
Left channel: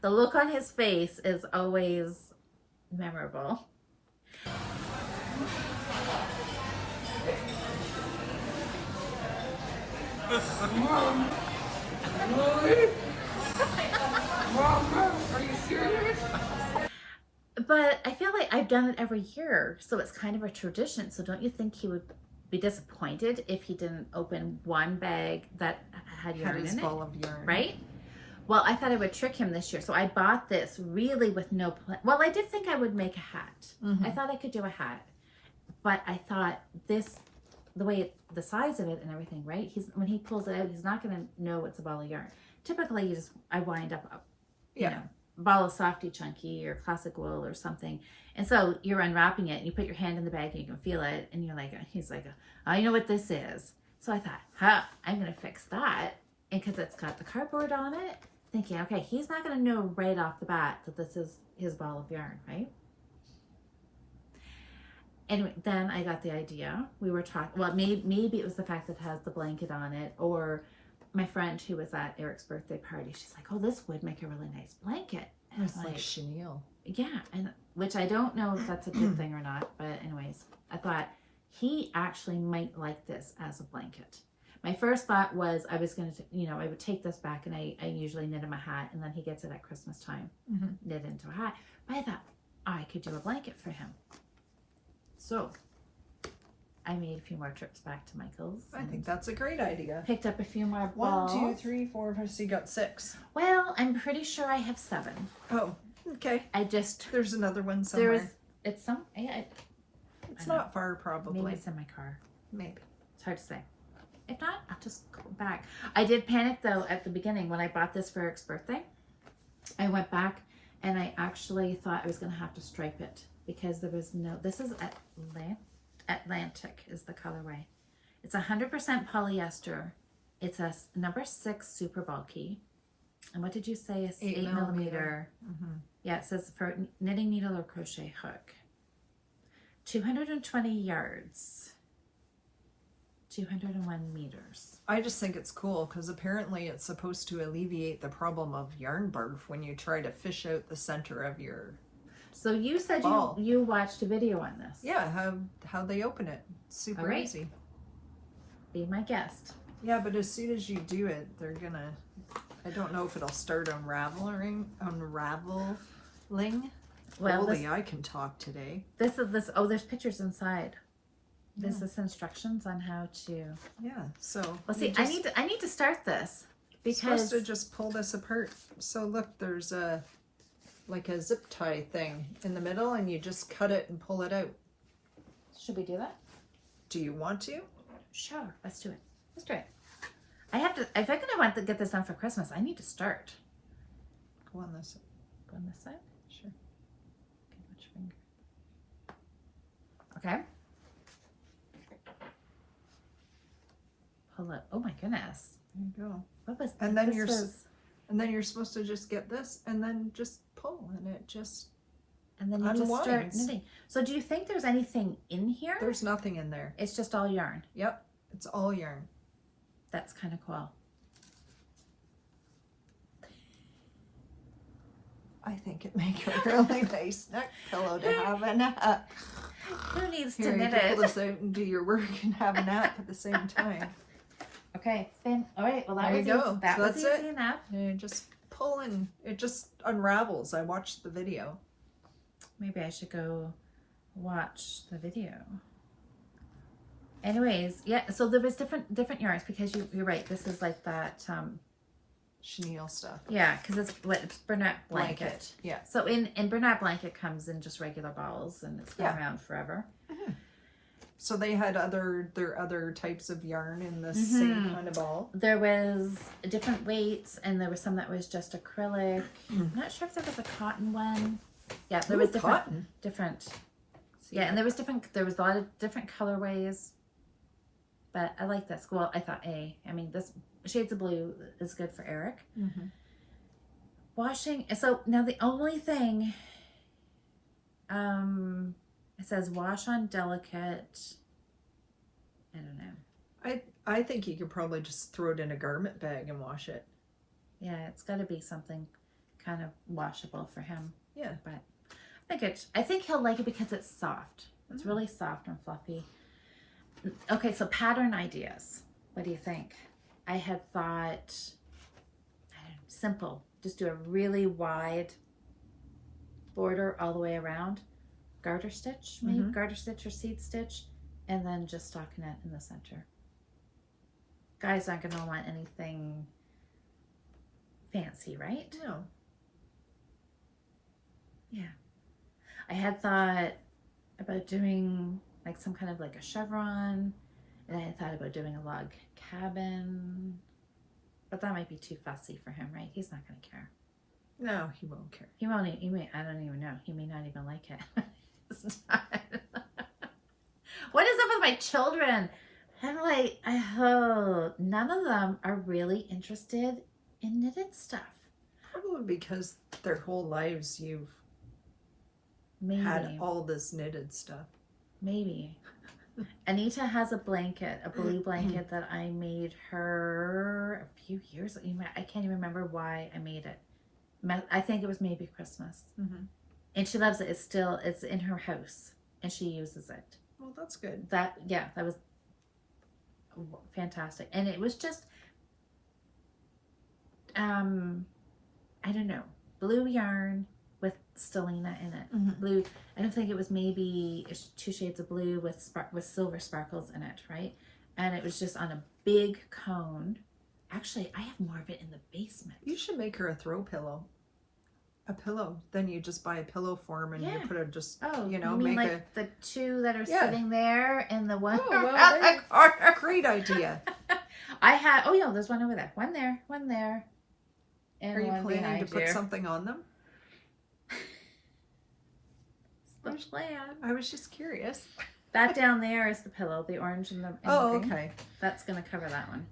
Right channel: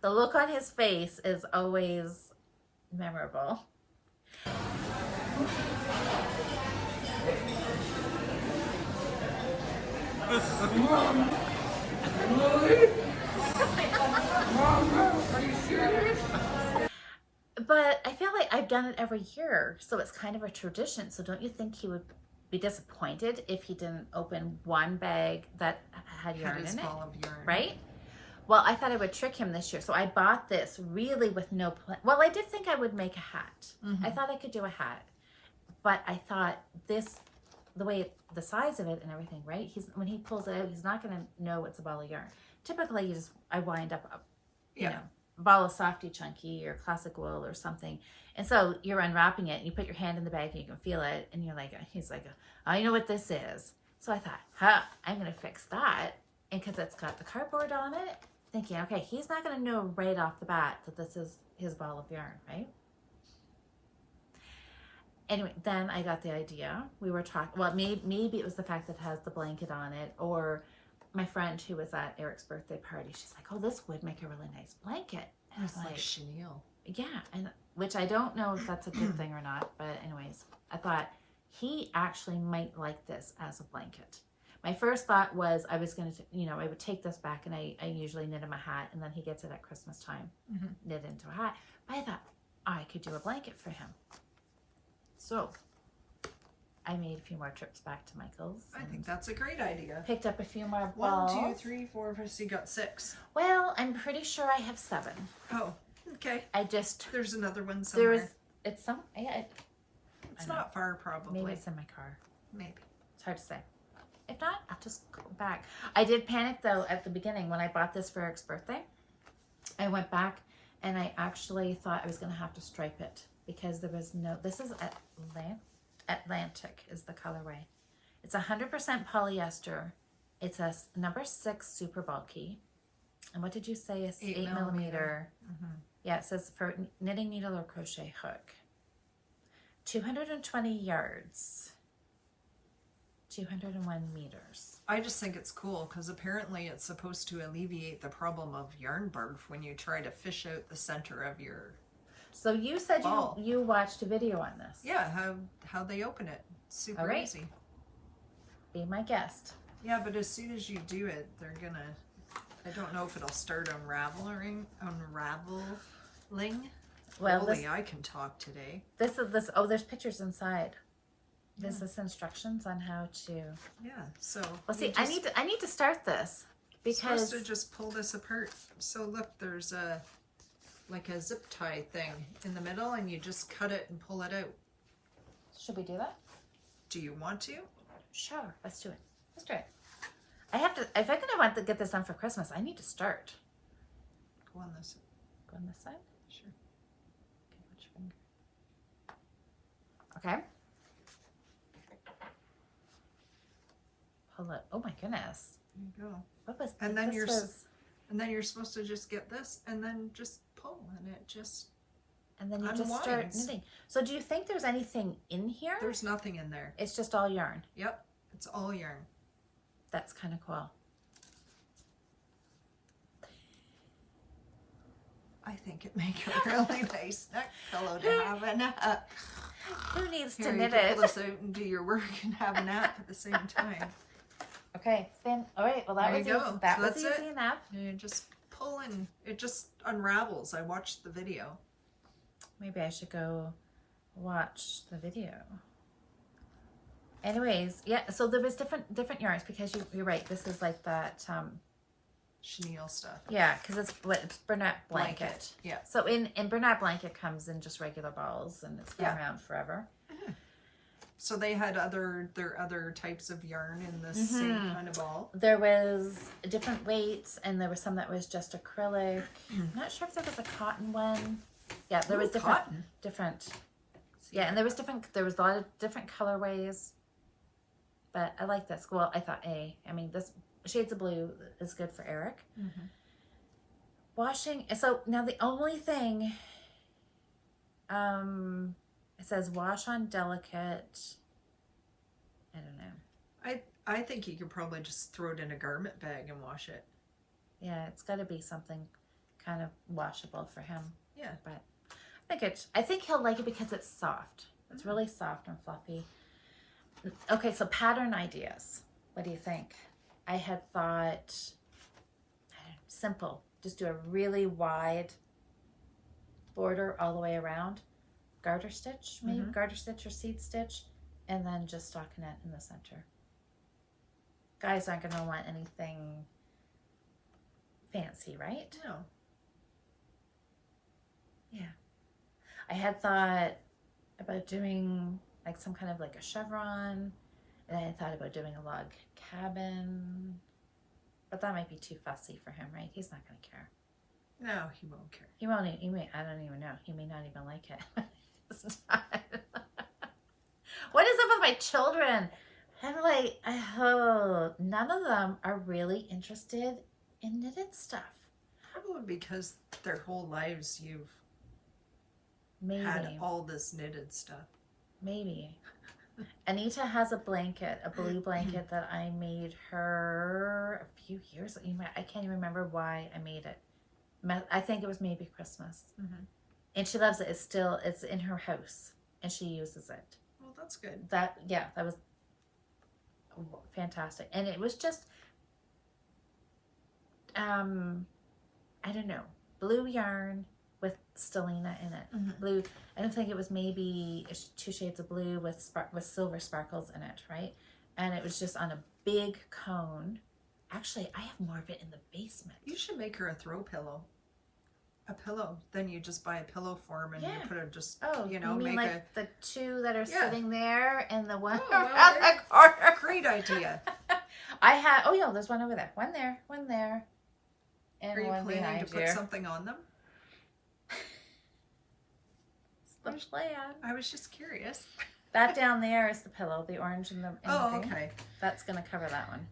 The look on his face is always memorable. Mama, are you serious? But I feel like I've done it every year, so it's kind of a tradition. So don't you think he would be disappointed if he didn't open one bag that had yarn his in it? ball of yarn. Right? Well, I thought I would trick him this year. So I bought this really with no plan. Well, I did think I would make a hat. I thought I could do a hat. But I thought this, the way, the size of it and everything, right? When he pulls it out, he's not going to know it's a ball of yarn. Typically, I wind up, you know, ball of softy chunky or classic wool or something, and so you're unwrapping it and you put your hand in the bag and you can feel it and you're like, he's like, I know what this is. So I thought, I'm gonna fix that, and because it's got the cardboard on it, thinking, okay, he's not gonna know right off the bat that this is his ball of yarn, right? And then I got the idea. We were talking, well, maybe it was the fact that it has the blanket on it, or my friend who was at Eric's birthday party, she's like, oh, this would make a really nice blanket. And It's like chenille. Yeah, and which I don't know if that's a good thing or not, but anyways, I thought he actually might like this as a blanket. My first thought was I was going to, you know, I would take this back, and I usually knit him a hat, and then he gets it at Christmas time, knit into a hat. But I thought I could do a blanket for him. So I made a few more trips back to Michael's. I think that's a great idea. Picked up a few more balls. 1, 2, 3, 4, 5, 6. You got 6. Well, I'm pretty sure I have 7. Oh, okay. There's another one somewhere. It's some. Yeah, it's not far, probably. Maybe it's in my car. Maybe. It's hard to say. If not, I'll just go back. I did panic though at the beginning when I bought this for Eric's birthday. I went back and I actually thought I was going to have to stripe it because there was no. This is Atlantic is the colorway. It's 100% polyester. It's a number 6 super bulky. And what did you say? It's 8 millimeter. Yeah, it says for knitting needle or crochet hook. 220 yards. 201 meters. I just think it's cool because apparently it's supposed to alleviate the problem of yarn barf when you try to fish out the center of your So you said you watched a video on this. Yeah, how they open it. Super easy. Be my guest. Yeah, but as soon as you do it, they're gonna, I don't know if it'll start unraveling. Well, Holy, I can talk today. Oh, there's pictures inside. There's this instructions on how to. Yeah, so. Well, see, I need to start this because. You're supposed to just pull this apart. So look, there's like a zip tie thing in the middle, and you just cut it and pull it out. Should we do that? Do you want to? Sure, let's do it. Let's do it. I have to. If I'm gonna want to get this done for Christmas, I need to start. Go on this. Go on this side. Sure. Okay, which finger? Okay. Pull it. Oh my goodness. There you go. What was? And then you're supposed to just get this and then just pull, and it just. And then you just start knitting. So do you think there's anything in here? There's nothing in there. It's just all yarn. Yep, it's all yarn. That's kind of cool. I think it makes a really nice neck pillow to have a nap. Who needs Here, to knit you can it? pull this out and do your work and have a nap at the same time. Okay, then. All right. Well, there you go. That so was that's easy it. enough. You just pull and it just unravels. I watched the video. Maybe I should go watch the video. Anyways, yeah. So there was different yarns because you're right. This is like that. Chenille stuff. Yeah, because it's Bernat blanket. Yeah. So in Bernat blanket comes in just regular balls and it's been around forever. So they had other types of yarn in the same kind of ball. There was different weights, and there was some that was just acrylic. I'm not sure if there was a cotton one. Yeah, there was different. Yeah, and there was a lot of different colorways. But I like this. Well, I thought I mean, this shades of blue is good for Eric. Washing. So now the only thing, it says wash on delicate. I don't know. I think you could probably just throw it in a garment bag and wash it. Yeah, it's got to be something kind of washable for him. Yeah, but I think he'll like it because it's soft. It's really soft and fluffy. Okay, so pattern ideas. What do you think? I had thought simple. Just do a really wide border all the way around. Garter stitch, maybe garter stitch or seed stitch, and then just stockinette in the center. Guys aren't going to want anything fancy, right? No. Yeah. I had thought about doing like some kind of like a chevron, and I had thought about doing a log cabin, but that might be too fussy for him, right? He's not going to care. No, he won't care. He won't. I don't even know. He may not even like it. It's not. What is up with my children? I'm like, I hope none of them are really interested in knitted stuff. Probably because their whole lives you've Maybe. had all this knitted stuff. Maybe. Anita has a blanket, a blue blanket that I made her a few years ago. I can't even remember why I made it. I think it was maybe Christmas. And she loves it. It's in her house and she uses it. Well, that's good. That was fantastic. And it was just, I don't know, blue yarn with stellina in it. Blue, I don't think it was maybe 2 shades of blue with silver sparkles in it, right? And it was just on a big cone. Actually, I have more of it in the basement. You should make her a throw pillow. A pillow. Then you just buy a pillow form and you put it just, you know, mean make like the 2 that are sitting there and the one well, the corner. Great idea. I had, there's one over there. One there. And are you one planning to behind put you. something on them? The plan. I was just curious. That down there is the pillow, the orange and the Oh, green. okay. That's going to cover that one.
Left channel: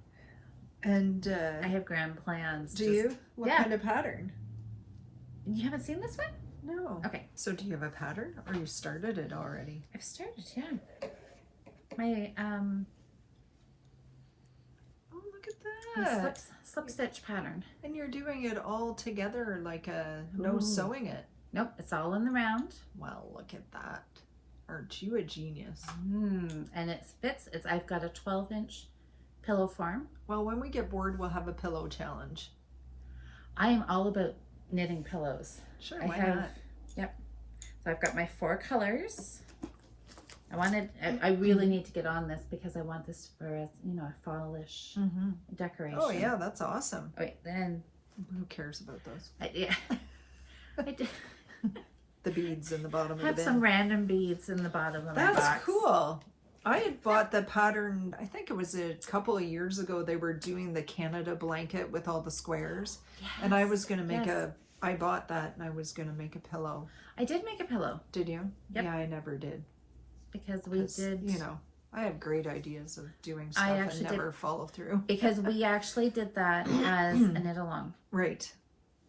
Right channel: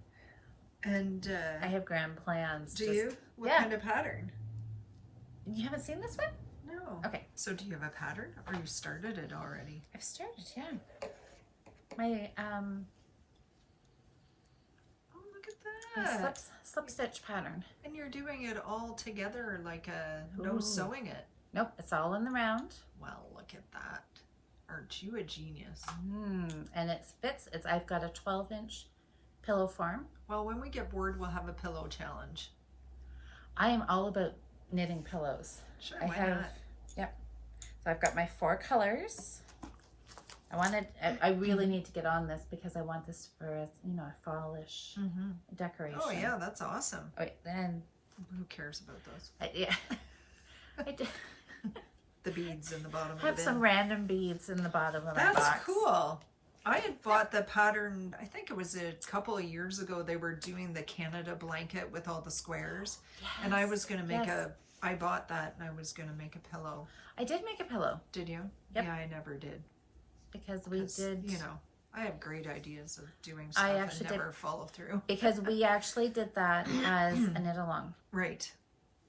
And I have grand plans. do you? What kind of pattern? You haven't seen this one? No. Okay. So do you have a pattern or you started it already? I've started, yeah. My Oh, look at that. slip stitch pattern. And you're doing it all together like no sewing it. Nope, it's all in the round. Well, look at that. Aren't you a genius? And it fits. I've got a 12-inch pillow form. Well, when we get bored, we'll have a pillow challenge. I am all about knitting pillows. Sure, why not? Yep. So I've got my 4 colors. I really need to get on this because I want this for a, a fallish decoration. Oh yeah, that's awesome. Okay, then who cares about those? Yeah. I did. The beads in the bottom of the bin. Have some random beads in the bottom of my box. That's cool. I had bought the pattern, I think it was a couple of years ago. They were doing the Canada blanket with all the squares. Yes, and I was going to make I bought that and I was going to make a pillow. I did make a pillow. Did you? Yep. Yeah, I never did. Because we did. I have great ideas of doing stuff and never follow through. Because we actually did that as a knit along. Right.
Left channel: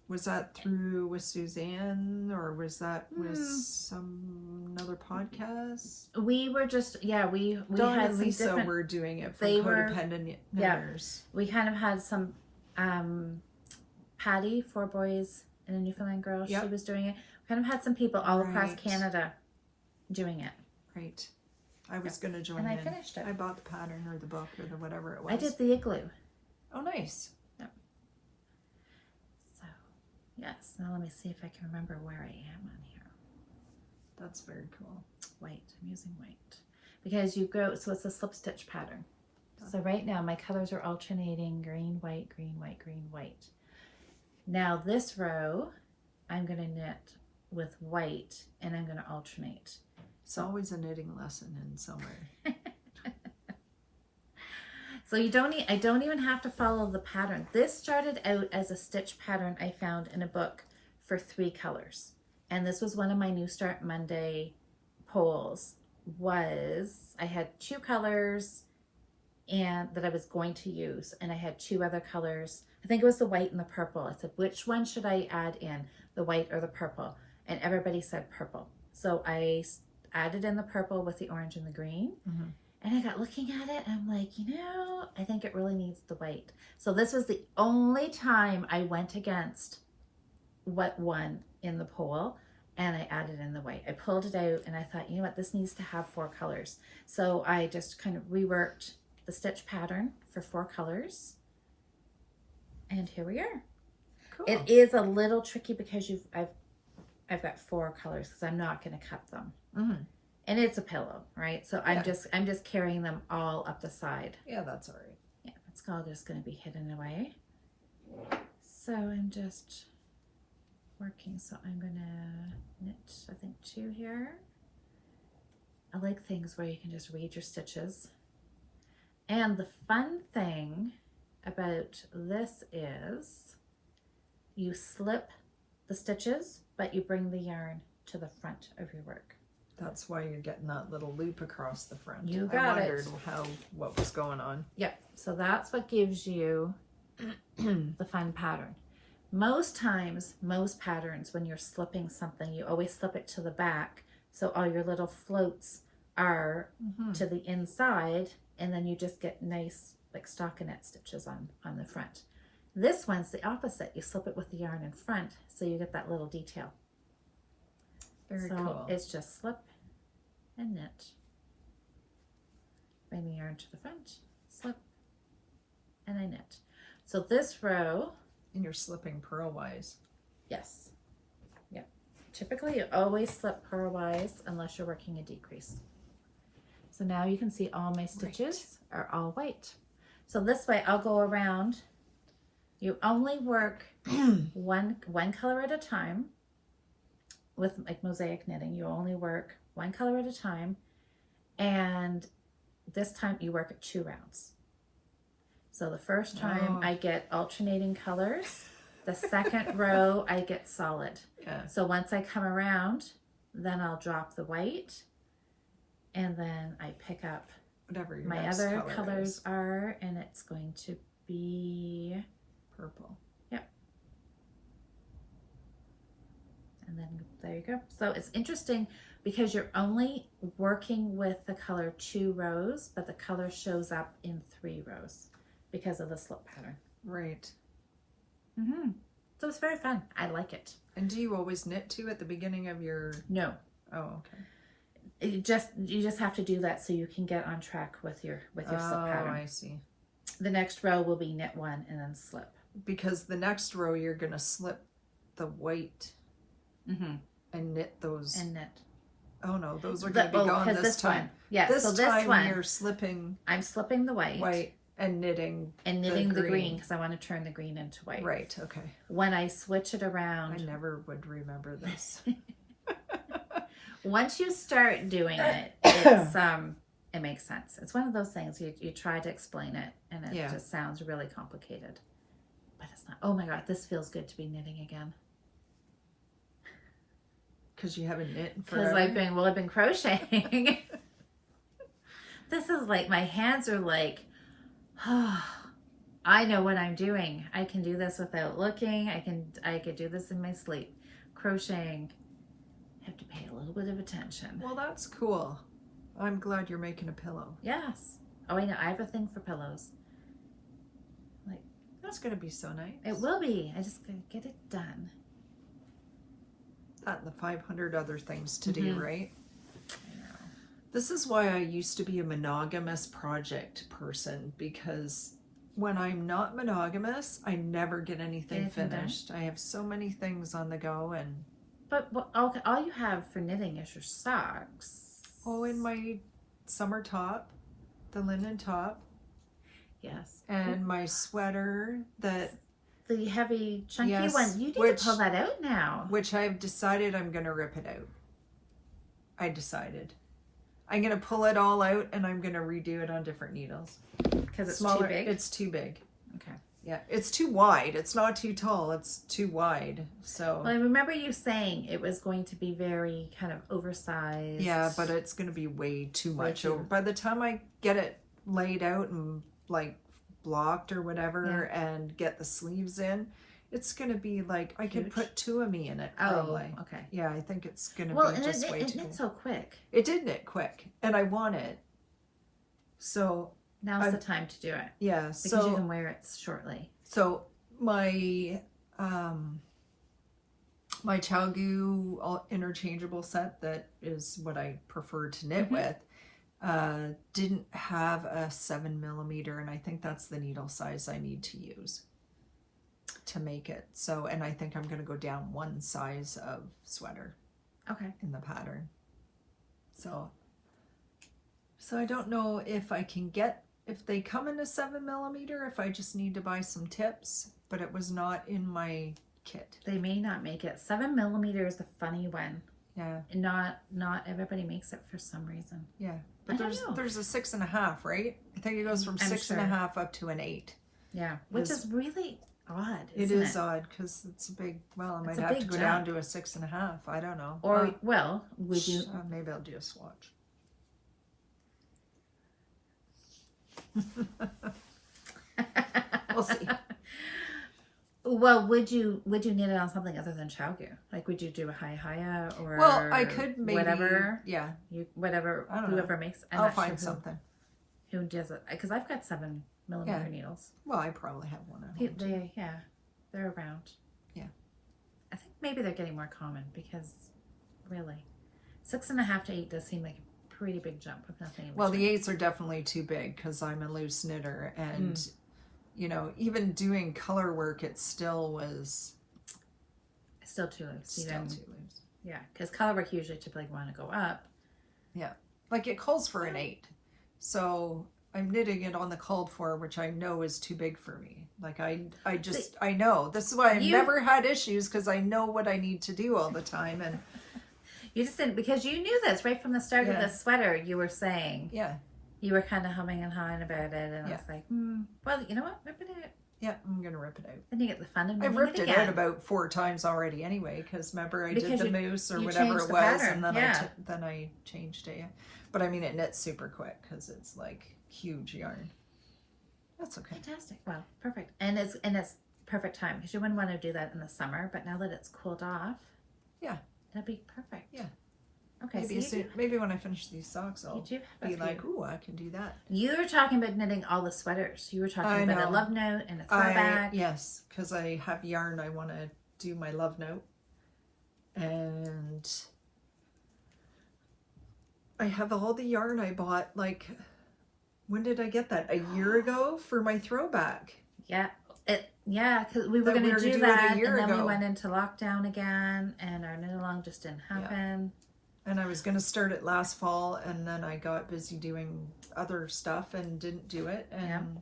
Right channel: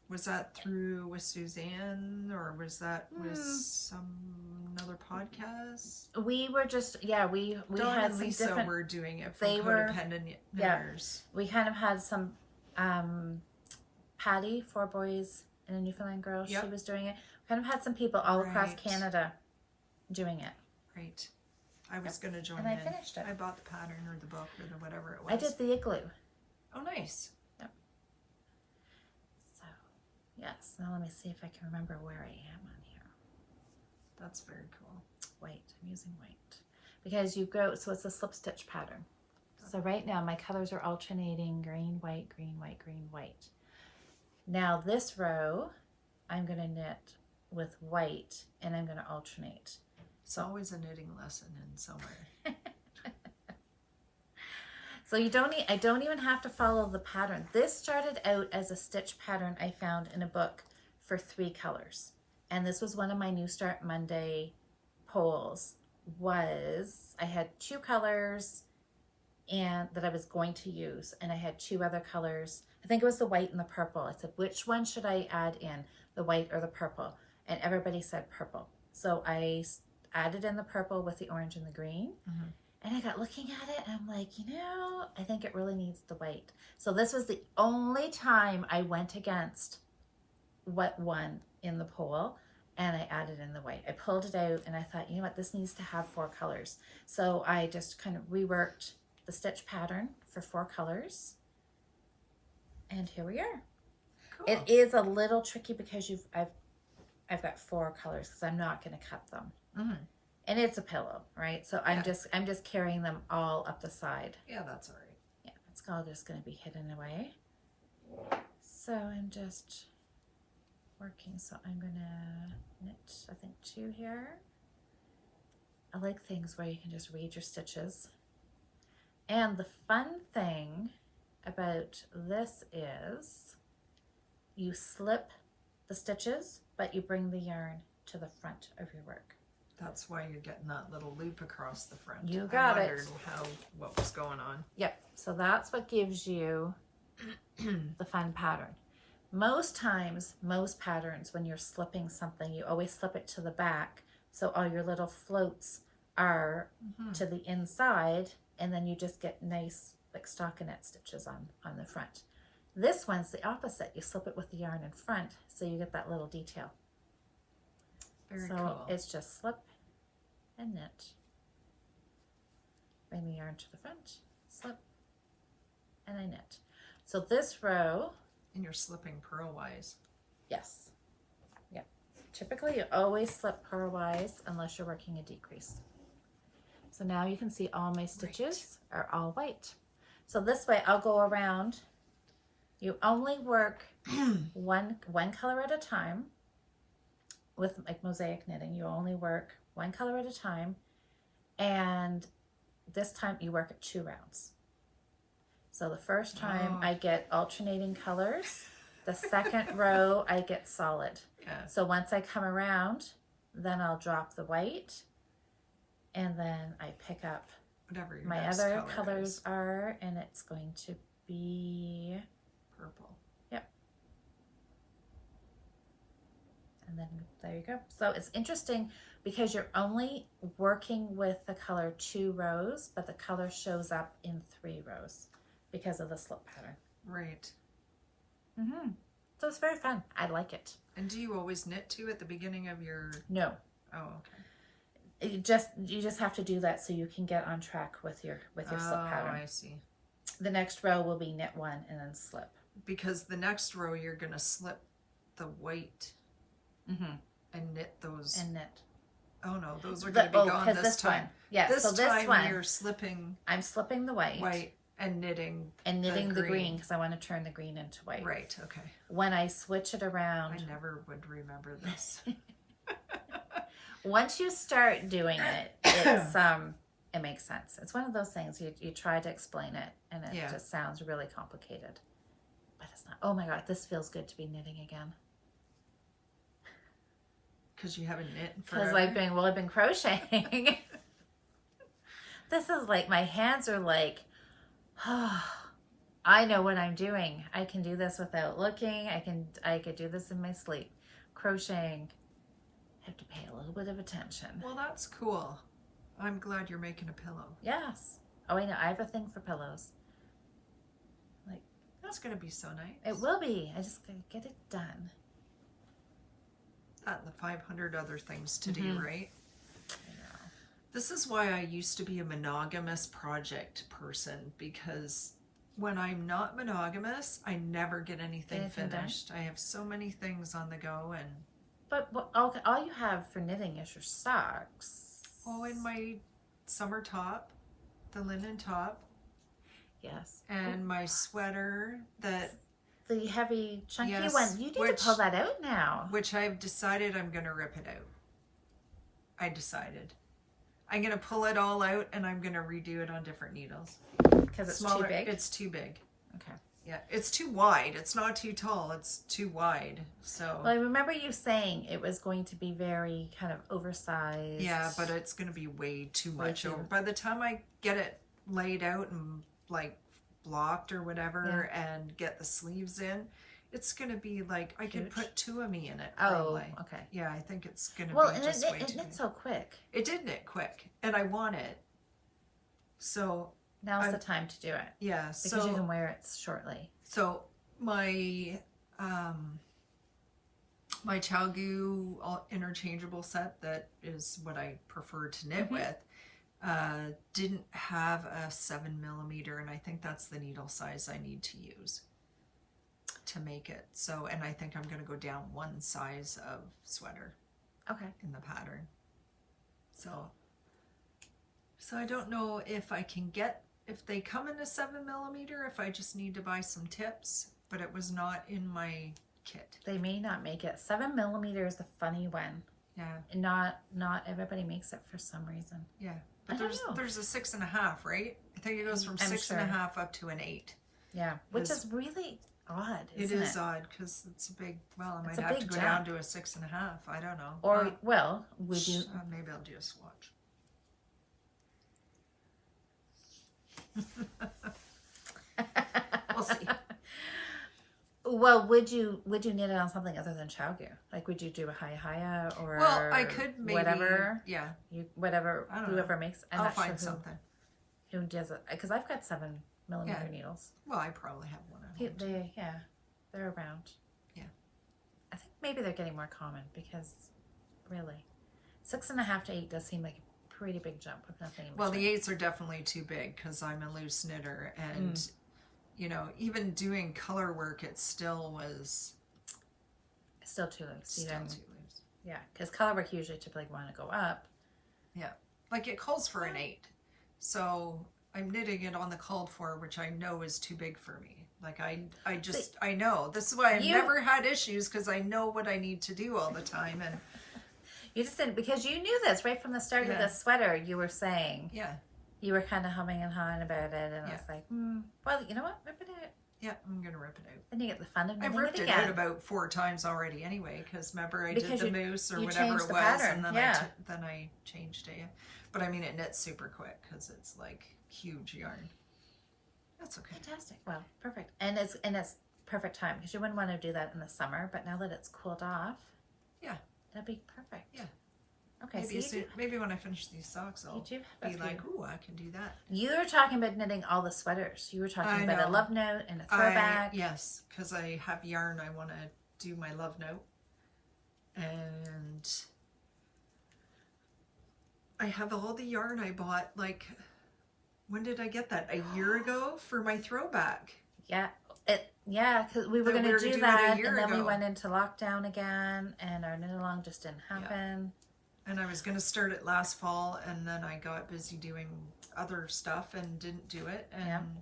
Was that with Suzanne or was that with another podcast? We were just, we Dawn had and some Lisa different, were doing it for Codependent Knitters. We kind of had some, Patty, 4 boys and a Newfoundland girl, she was doing it. Kind of had some people all across Canada doing it. Right. I was going to join in. And I finished it. I bought the pattern or the book or the whatever it was. I did the igloo. Oh, nice. Yes, now let me see if I can remember where I am on here. That's very cool. White, I'm using white. Because so it's a slip stitch pattern. So right now my colors are alternating green, white, green, white, green, white. Now this row, I'm going to knit with white and I'm going to alternate. It's always a knitting lesson in somewhere. So I don't even have to follow the pattern. This started out as a stitch pattern I found in a book for 3 colors. And this was one of my New Start Monday polls. I had 2 colors and that I was going to use. And I had 2 other colors. I think it was the white and the purple. I said, which one should I add in? The white or the purple? And everybody said purple. So I added in the purple with the orange and the green. And I got looking at it and I'm like, I think it really needs the white. So this was the only time I went against what won in the poll and I added in the white. I pulled it out and I thought, you know what, this needs to have 4 colors. So I just kind of reworked the stitch pattern for 4 colors. And here we are. Cool. It is a little tricky because I've got 4 colors because I'm not going to cut them. Mm-hmm. And it's a pillow, right? So I'm just carrying them all up the side. Yeah, that's all right. Yeah, it's all just going to be hidden away. So I'm just working. So I'm going to knit, I think, 2 here. I like things where you can just read your stitches. And the fun thing about this is you slip the stitches, but you bring the yarn to the front of your work. That's why you're getting that little loop across the front. You got I wondered what was going on. Yep. So that's what gives you the fun pattern. Most times, most patterns, when you're slipping something, you always slip it to the back. So all your little floats are to the inside, and then you just get nice like stockinette stitches on the front. This one's the opposite. You slip it with the yarn in front, so you get that little detail. Very so cool. It's just slip and knit. Bring the yarn to the front, slip, and I knit. So this row. And you're slipping purlwise. Yes. Yep. Typically you always slip purlwise unless you're working a decrease. So now you can see all my stitches are all white. So this way I'll go around. You only work one color at a time. With like mosaic knitting, you only work 1 color at a time, and this time you work at 2 rounds. So the first time I get alternating colors, the second row I get solid. Yeah. So once I come around, then I'll drop the white, and then I pick up whatever your my next other color colors is. are, and it's going to be Purple. Yep. And then there you go. So it's interesting because you're only working with the color 2 rows, but the color shows up in 3 rows because of the slip pattern. Right. So it's very fun. I like it. And do you always knit 2 at the beginning of your... No. Oh, okay. You just have to do that so you can get on track with your slip pattern. Oh, I see. The next row will be knit 1 and then slip. Because the next row you're going to slip the white and knit those. And knit. Oh no, those are going to be gone this time. Yeah, this so time this one, you're slipping. I'm slipping the white and knitting the green because I want to turn the green into white. Right. Okay. When I switch it around, I never would remember this. Once you start doing it, it's it makes sense. It's one of those things you try to explain it and it just sounds really complicated, but it's not. Oh my god, this feels good to be knitting again. Because you haven't knit in forever. Because I've been crocheting. This is like, my hands are like, oh, I know what I'm doing. I can do this without looking. I could do this in my sleep. Crocheting, you have to pay a little bit of attention. Well, that's cool. I'm glad you're making a pillow. Yes. Oh, I know. I have a thing for pillows. Like, that's going to be so nice. It will be. I just gotta get it done. That and the 500 other things to do, right? This is why I used to be a monogamous project person, because when I'm not monogamous, I never get anything finished. I have so many things on the go, and but all you have for knitting is your socks. Oh, and my summer top, the linen top. Yes. And my sweater that... The heavy, chunky one. You need to pull that out now. Which I've decided I'm going to rip it out. I decided. I'm going to pull it all out and I'm going to redo it on different needles. Because it's smaller. Too big? It's too big. Okay. Yeah, it's too wide. It's not too tall. It's too wide. So. Well, I remember you saying it was going to be very kind of oversized. Yeah, but it's going to be way too much over. By the time I get it laid out and like blocked or whatever and get the sleeves in, it's going to be like, I could put 2 of me in it probably. Oh, okay. Yeah, I think it's going to be just way too big. It knit so quick. It did knit quick and I want it. So now's the time to do it. Yeah. Because you can wear it shortly. So my my Chalgu interchangeable set, that is what I prefer to knit with, didn't have a 7mm, and I think that's the needle size I need to use to make it. So, and I think I'm going to go down one size of sweater in the pattern. So I don't know if I can get, if they come in a 7mm, if I just need to buy some tips, but it was not in my kit. They may not make it. 7mm is a funny one. Yeah. Not everybody makes it for some reason. Yeah. But there's a 6.5, right? I think it goes from 6.5 up to an 8. Yeah. Which is really odd. It is odd because it's a big, well, I might have to go down to a 6.5. I don't know. Or, well, would you? Maybe I'll do a swatch. We'll see. Well, would you knit it on something other than Chowgu? Like, would you do a haya or? Well, I could maybe whatever. Yeah. Whatever. I don't know. Whoever makes. I'll find something. Who does it? Because I've got 7mm needles. Well, I probably have one at home. They're around. Yeah. I think maybe they're getting more common because, really, 6.5 to 8 does seem like a pretty big jump with nothing. Well, the 8s are definitely too big because I'm a loose knitter, and you know, even doing color work, it still was still too loose. Still too loose. Yeah, because color work usually typically want to go up. Yeah, like it calls for an 8, so I'm knitting it on the called for, which I know is too big for me. Like I know. This is why I've never had issues, because I know what I need to do all the time. And you just didn't, because you knew this right from the start of the sweater. You were saying, you were kind of humming and hawing about it, and I was like, well, you know what, rip it out. Yeah, I'm gonna rip it out. Then you get the fun of I've ripped it out about 4 times already anyway, because remember I did the moose or whatever it was, and then I changed it. But I mean, it knits super quick because it's like huge yarn. That's okay. Fantastic. Well, perfect. And it's perfect time, because you wouldn't want to do that in the summer, but now that it's cooled off, that'd be perfect. Yeah. Okay. Maybe when I finish these socks, I'll be like, ooh, I can do that. You were talking about knitting all the sweaters. You were talking about a love note and a throwback. Yes, because I have yarn. I want to do my love note, and I have all the yarn I bought. Like, when did I get that? A year ago for my throwback. Yeah. Because we were going to do that, and then we went into lockdown again, and our knit along just didn't happen. And I was going to start it last fall, and then I got busy doing other stuff and didn't do it. And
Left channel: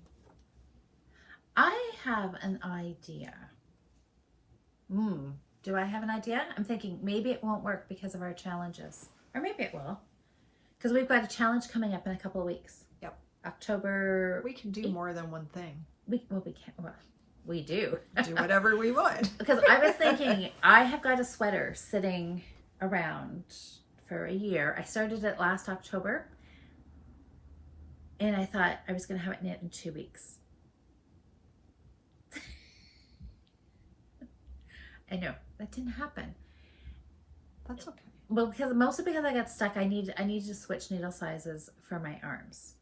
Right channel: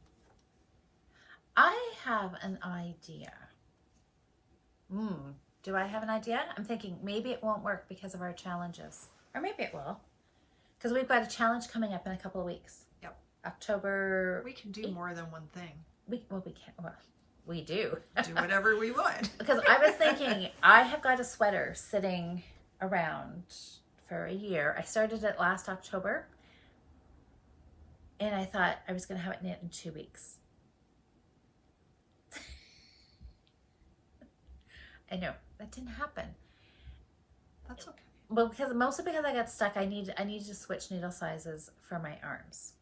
I have an idea. Do I have an idea? I'm thinking maybe it won't work because of our challenges, or maybe it will, because we've got a challenge coming up in a couple of weeks. Yep. October. We can do more than one thing. We can. Well, we do. Do whatever we want. Because I was thinking, I have got a sweater sitting around for a year. I started it last October, and I thought I was going to have it knit in 2 weeks. I know that didn't happen. That's okay. Well, mostly because I got stuck. I needed to switch needle sizes for my arms.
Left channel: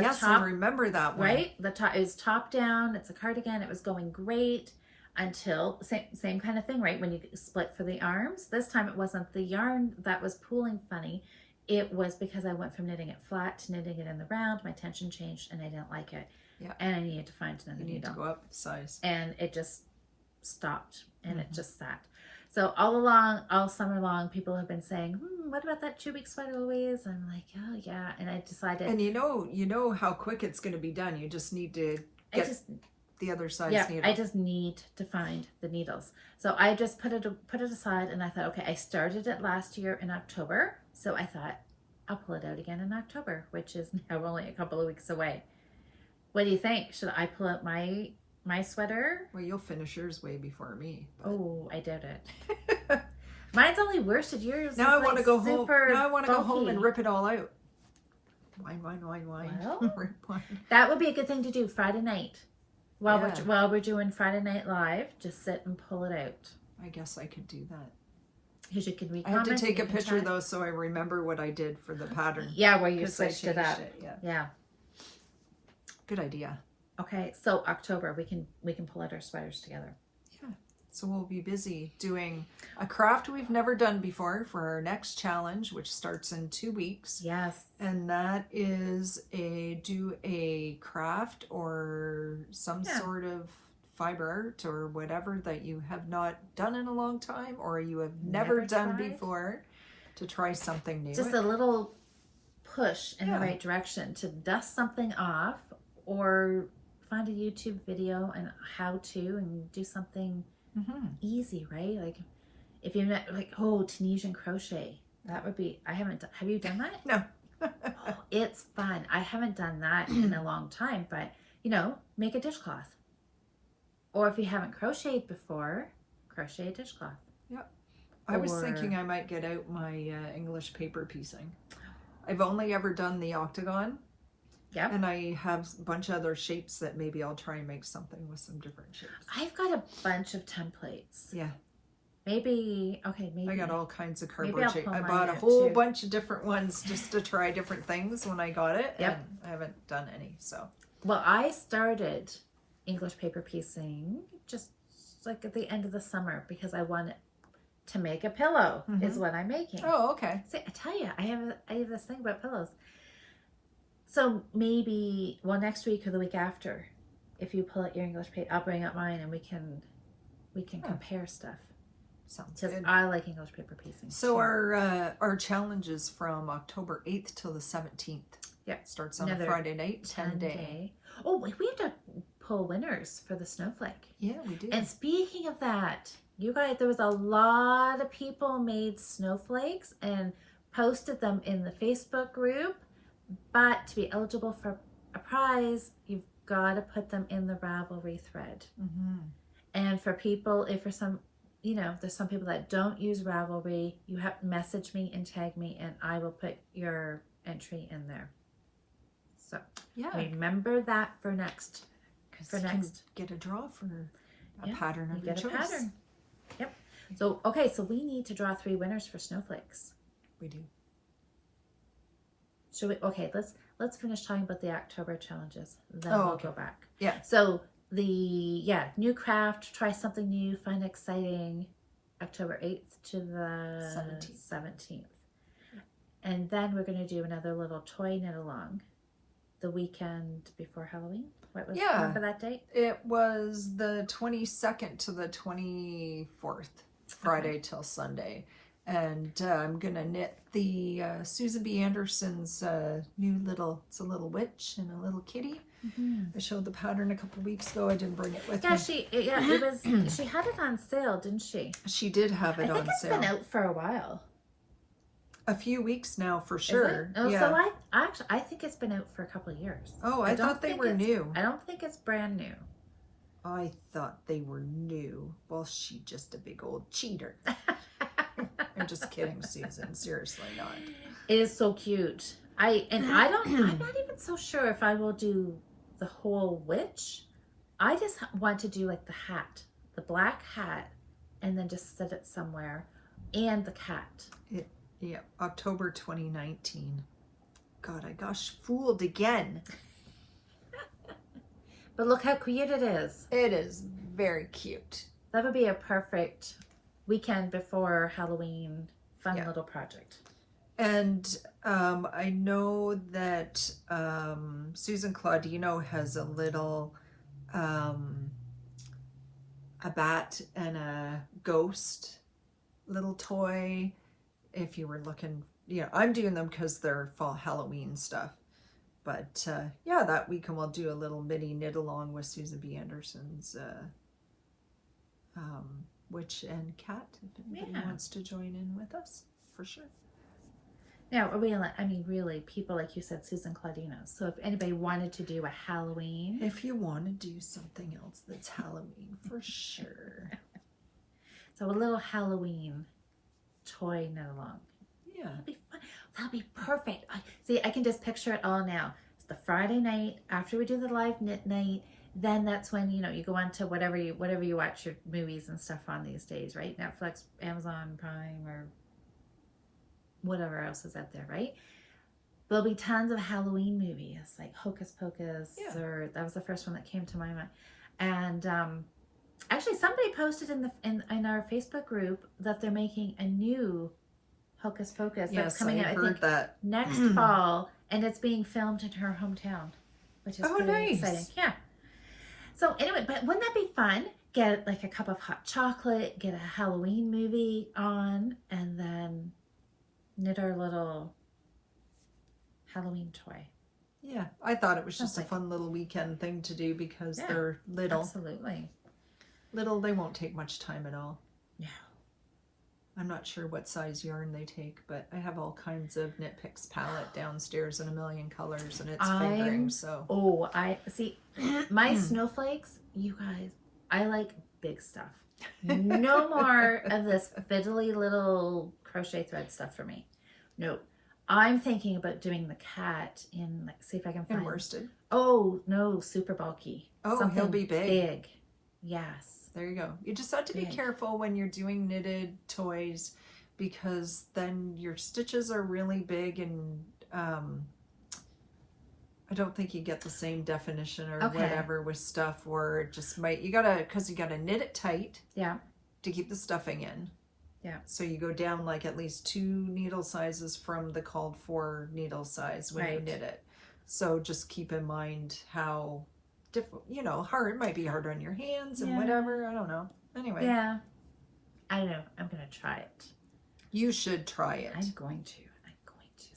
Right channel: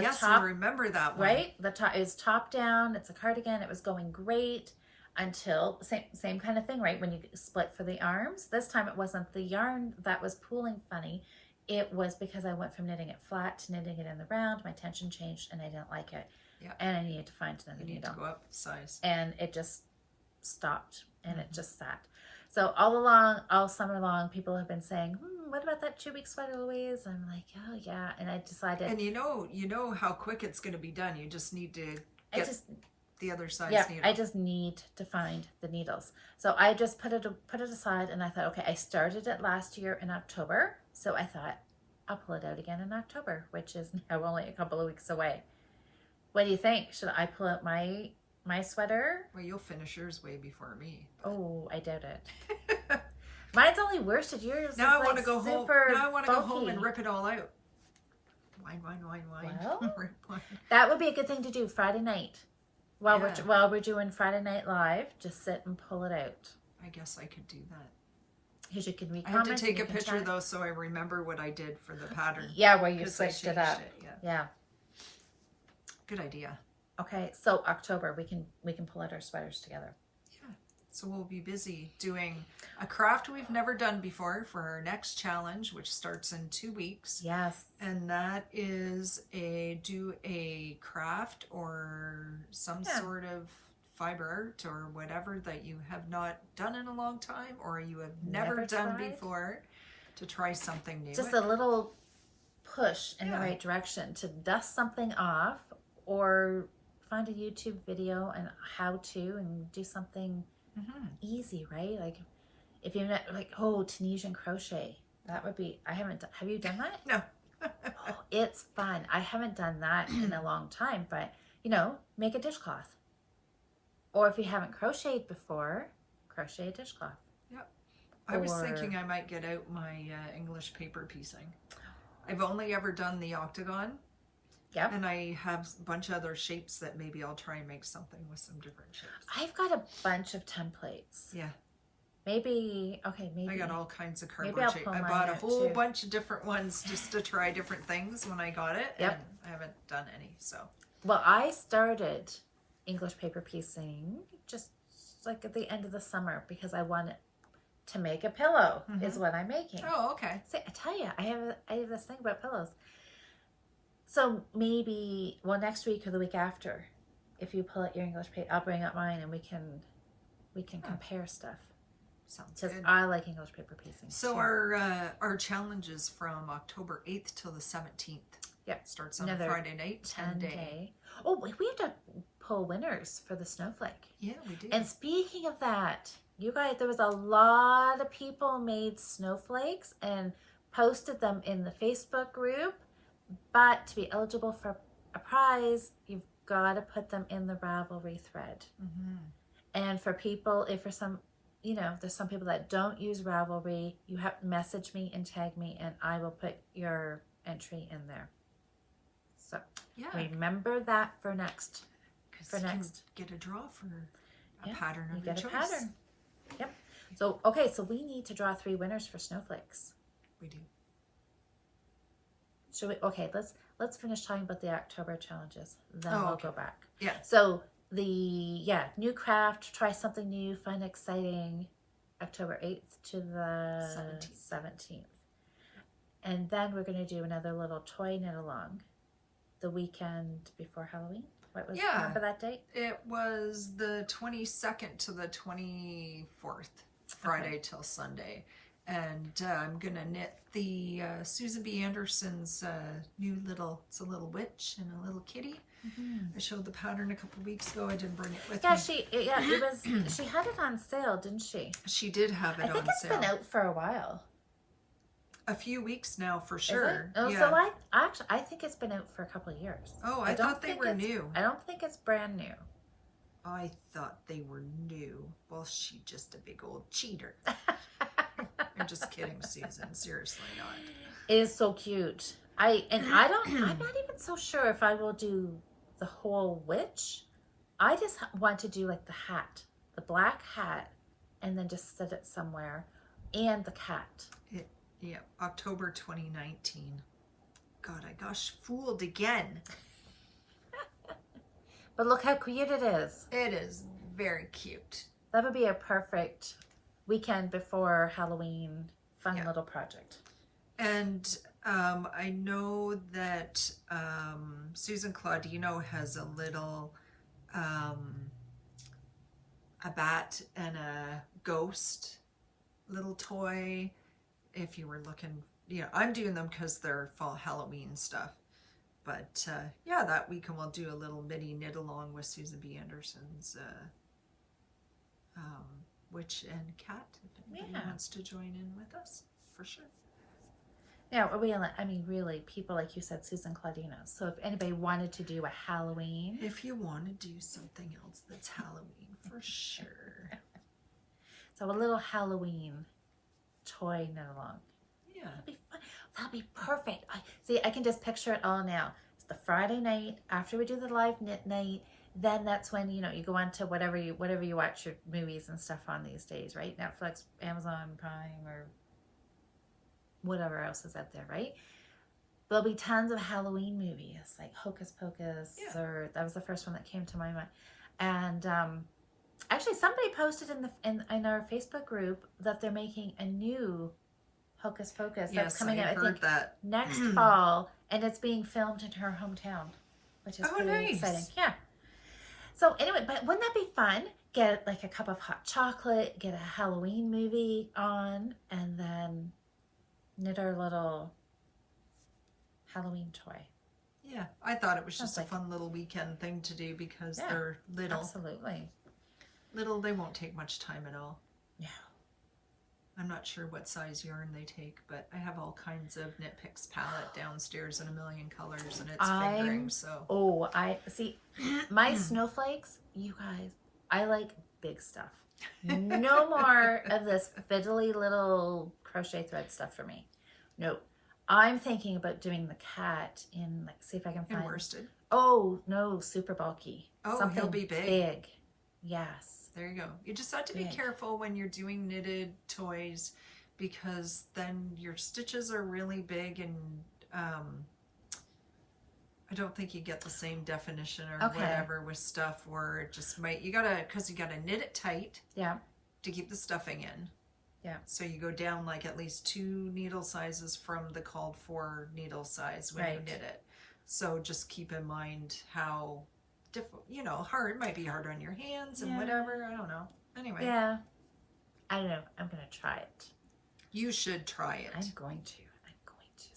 Yes, I remember that one. Right? The top is top down. It's a cardigan. It was going great until same kind of thing, right? When you split for the arms. This time it wasn't the yarn that was pooling funny. It was because I went from knitting it flat to knitting it in the round. My tension changed, and I didn't like it. Yeah. And I needed to find another needle. You need to go up size. And it just stopped, and it just sat. So all summer long, people have been saying, what about that 2 week sweater, Louise? And I'm like, oh yeah. And I decided. And you know how quick it's going to be done. You just need to get the other size needle. I just need to find the needles. So I just put it aside, and I thought, okay, I started it last year in October. So I thought, I'll pull it out again in October, which is now only a couple of weeks away. What do you think? Should I pull out my sweater? Well, you'll finish yours way before me. But... Oh, I doubt it. Mine's only worsted. Yours. Now I want to go home. Now I want to go home and rip it all out. Wine. Well, rip wine. That would be a good thing to do Friday night. While we're doing Friday Night Live, just sit and pull it out. I guess I could do that. Because you can I have to take a picture though, so I remember what I did for the pattern. Yeah, where you switched it up. Yeah. Good idea. Okay, so October we can pull out our sweaters together. Yeah. So we'll be busy doing a craft we've never done before for our next challenge, which starts in 2 weeks. Yes. And that is do a craft or some sort of fiber art or whatever that you have not done in a long time, or you have never done before, to try something new. Just a little push in the right direction to dust something off, or find a YouTube video and how to, and do something easy, right? Like if you're not like, Tunisian crochet, that would be, have you done that? No. It's fun. I haven't done that in a long time, but make a dishcloth. Or if you haven't crocheted before, crochet a dishcloth. Yep. I was thinking I might get out my English paper piecing. I've only ever done the octagon. Yep. And I have a bunch of other shapes that maybe I'll try and make something with some different shapes. I've got a bunch of templates. Yeah. Maybe. I got all kinds of cardboard shapes. I bought a whole bunch of different ones just to try different things when I got it. Yep. And I haven't done any, so. Well, I started English paper piecing just like at the end of the summer because I wanted to make a pillow is what I'm making. Oh, okay. See, I tell you, I have this thing about pillows. So maybe, next week or the week after, if you pull out your English paper, I'll bring up mine and we can compare stuff. Sounds good. I like English paper piecing. So our challenge is from October 8th till the 17th. Yeah. Starts on a Friday night, 10-day. Oh, we have to pull winners for the snowflake. Yeah, we do. And speaking of that, you guys, there was a lot of people made snowflakes and posted them in the Facebook group. But to be eligible for a prize, you've got to put them in the Ravelry thread. And for people, there's some people that don't use Ravelry, you have to message me and tag me, and I will put your entry in there. So remember that for next. For next, get a draw for a pattern of your choice. Pattern. Yep. So we need to draw 3 winners for snowflakes. We do. Should we? Okay, let's finish talking about the October challenges. Then we'll go back. Yeah. So new craft, try something new, find exciting. October 8th to the 17th. And then we're going to do another little toy knit along the weekend before Halloween. What was remember that date? It was the 22nd to the 24th, Friday till Sunday. And I'm going to knit the Susan B. Anderson's new little witch and a little kitty. I showed the pattern a couple of weeks ago. I didn't bring it with me. She had it on sale, didn't she? She did have it on sale. It's been out for a while. A few weeks now, for sure. Oh, yeah. So I think it's been out for a couple of years. Oh, I thought they were new. I don't think it's brand new. I thought they were new. Well, she's just a big old cheater. I'm just kidding, Susan. Seriously not. It is so cute. I'm not even so sure if I will do the whole witch. I just want to do like the hat, the black hat, and then just set it somewhere, and the cat. October 2019. God, I gosh fooled again. But look how cute it is. It is very cute. That would be a perfect weekend before Halloween fun little project. And I know that Susan Claudino has a little a bat and a ghost little toy. If you were looking, I'm doing them because they're fall Halloween stuff. But that weekend we'll do a little mini knit along with Susan B. Anderson's witch and cat. If anybody wants to join in with us, for sure. Yeah, really, people like you said, Susan Claudino. So if anybody wanted to do a Halloween, if you want to do something else that's Halloween, for sure. So a little Halloween toy knit along. Yeah, that'd be fun. That'd be perfect. I can just picture it all now. It's the Friday night after we do the live knit night. Then that's when you go on to whatever you watch your movies and stuff on these days, right? Netflix, Amazon Prime, or whatever else is out there, right? There'll be tons of Halloween movies like Hocus Pocus, or that was the first one that came to my mind. And actually, somebody posted in our Facebook group that they're making a new Hocus Pocus that's coming out. I heard that next fall, and it's being filmed in her hometown, which is very exciting. Yeah. So anyway, but wouldn't that be fun? Get like a cup of hot chocolate, get a Halloween movie on, and then knit our little Halloween toy. Yeah, I thought it was Sounds just a like fun little weekend thing to do because Yeah, they're little. Absolutely. Little, they won't take much time at all. No. I'm not sure what size yarn they take, but I have all kinds of Knit Picks palette downstairs in a million colors, and it's fingering, so. Oh, I see. My snowflakes, you guys, I like big stuff. No more of this fiddly little crochet thread stuff for me. No. I'm thinking about doing the cat in, like, see if I can find. In worsted. Oh, no, super bulky. Oh, he'll be big. Big. Yes. There you go. You just have to be careful when you're doing knitted toys, because then your stitches are really big, and I don't think you get the same definition or whatever with stuff, or it just might, because you gotta knit it tight. Yeah. To keep the stuffing in. Yeah. So you go down like at least 2 needle sizes from the called for needle size when you knit it. So just keep in mind how hard. It might be hard on your hands and whatever. I don't know. Anyway. Yeah. I don't know. I'm going to try it. You should try it. I'm going to.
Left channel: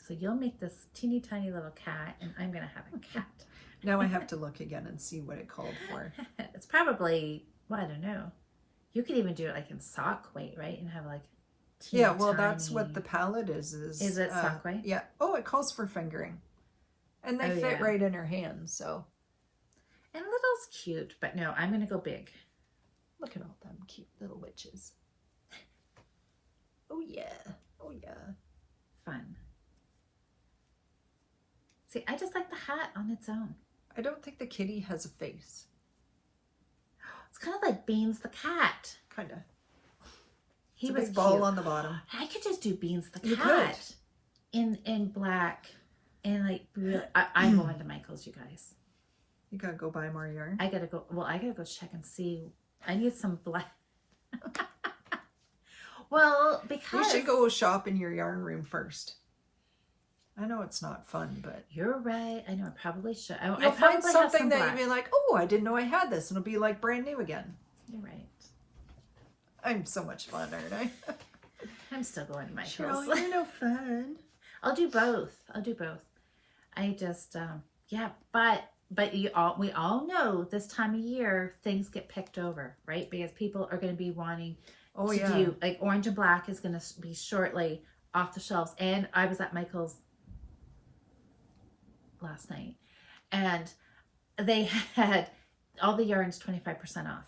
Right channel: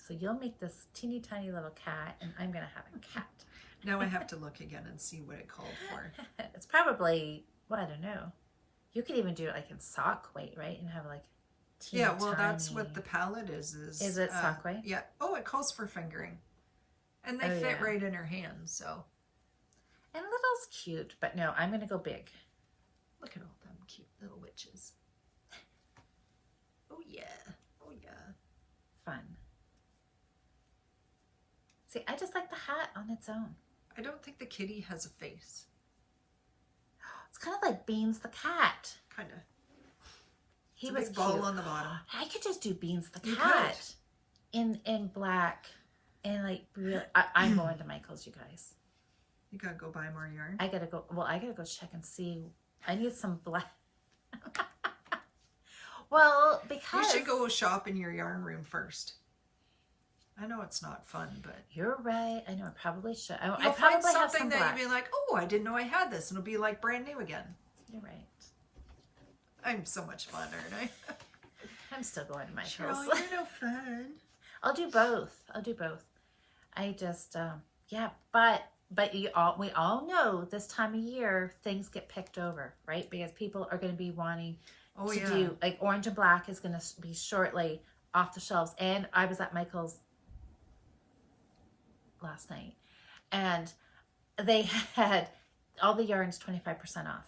So you'll make this teeny tiny little cat, and I'm going to have a cat. Now I have to look again and see what it called for. It's probably, well, I don't know. You could even do it like in sock weight, right? And have like teeny tiny... that's what the palette is. Is it sock weight? Yeah. Oh, it calls for fingering. And they fit right in her hand, so... And little's cute, but no, I'm going to go big. Look at all them cute little witches. Oh, yeah. Oh, yeah. Fun. See, I just like the hat on its own. I don't think the kitty has a face. It's kind of like Beans the cat. Kind of. He was was big ball cute. on the bottom. I could just do Beans the You cat. In black. And like, I'm going to Michael's, you guys. You gotta go buy more yarn. I gotta go check and see. I need some black. Well, because you should go shop in your yarn room first. I know it's not fun, but you're right. I know I probably should. You'll find something that you'll be like, oh, I didn't know I had this, and it'll be like brand new again. You're right. I'm so much fun, aren't I? I'm still going to Michael's. Cheryl, you're no fun. I'll do both. I just but we all know this time of year things get picked over, right? Because people are going to be wanting to do, like, orange and black is going to be shortly off the shelves. And I was at Michael's last night, and they had all the yarns 25% off.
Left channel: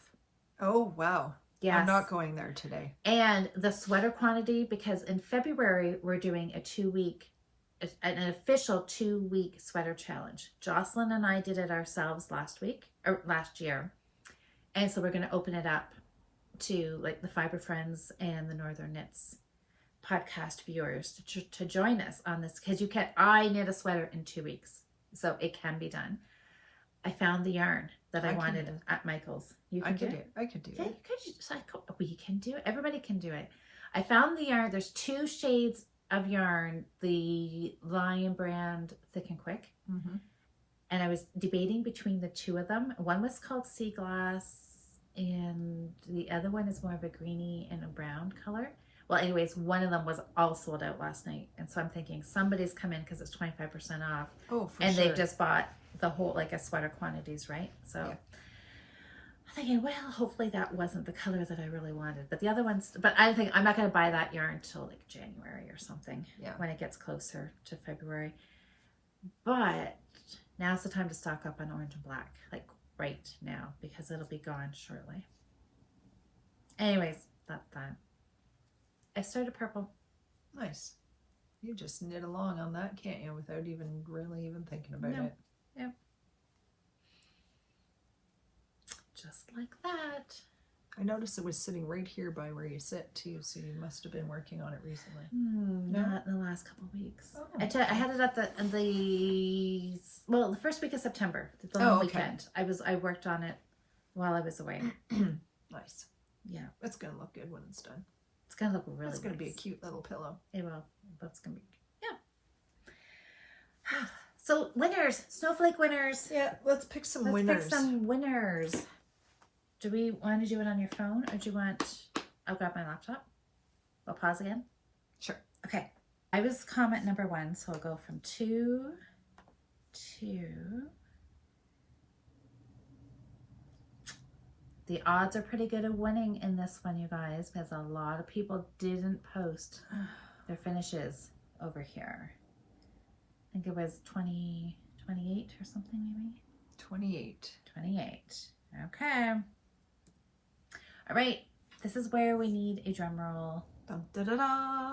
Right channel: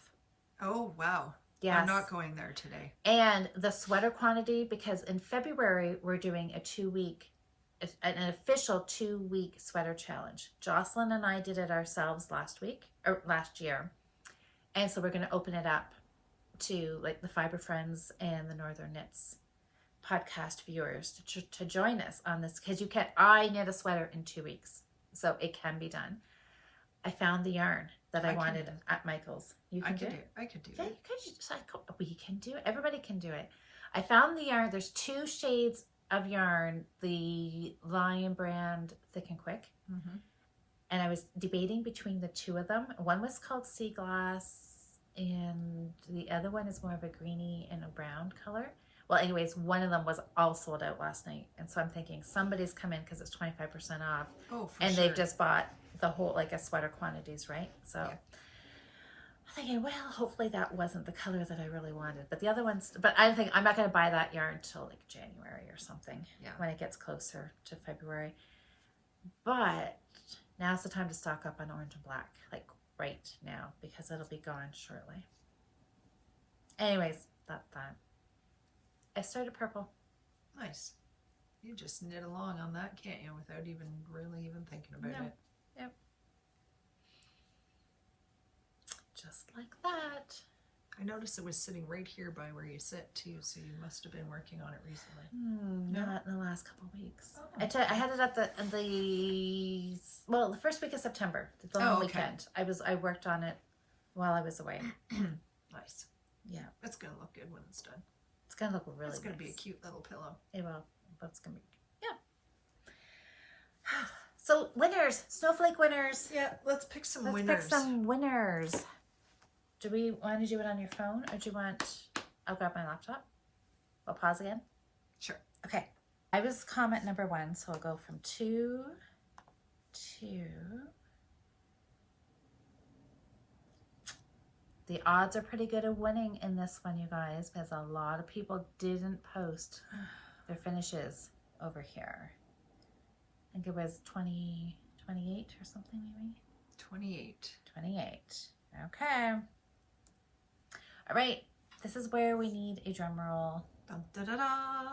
Oh, wow. Yes. I'm not going there today. And the sweater quantity, because in February we're doing an official 2-week sweater challenge. Jocelyn and I did it ourselves last year. And so we're going to open it up to like the Fiber Friends and the Northern Knits podcast viewers to join us on this, because I knit a sweater in 2 weeks. So it can be done. I found the yarn that I wanted at Michael's. I could do it. Yeah, we can do it. Everybody can do it. I found the yarn. There's 2 shades of yarn, the Lion brand Thick and Quick. Mm-hmm. And I was debating between the 2 of them. One was called Sea Glass, and the other one is more of a greeny and a brown color. Well, anyways, one of them was all sold out last night. And so I'm thinking somebody's come in because it's 25% off. Oh, for and sure. they just bought the whole, like, a sweater quantities, right? So I'm thinking, well, hopefully that wasn't the color that I really wanted. But the other ones, but I think I'm not going to buy that yarn till like January or something. Yeah. When it gets closer to February. But now's the time to stock up on orange and black, like right now, because it'll be gone shortly. Anyways, that's that. I started purple. Nice. You just knit along on that, can't you, without even really thinking about it. Yep. Just like that. I noticed it was sitting right here by where you sit too, so you must have been working on it recently. No? Not in the last couple of weeks. Oh, I had it at the first week of September. The long weekend. I worked on it while I was away. Nice. Yeah. It's gonna look good when it's done. It's gonna look really It's gonna be a cute little pillow. It will. But it's gonna be So winners, snowflake winners. Yeah, let's pick some winners. Pick some winners. Do we want to do it on your phone, or do you want? I'll grab my laptop. I'll pause again. Sure. Okay. I was comment number 1, so I'll go from 2 to. The odds are pretty good of winning in this one, you guys, because a lot of people didn't post their finishes over here. I think it was 28 or something, maybe? 28. 28. Okay. All right. This is where we need a drum roll. Dun, da, da, da.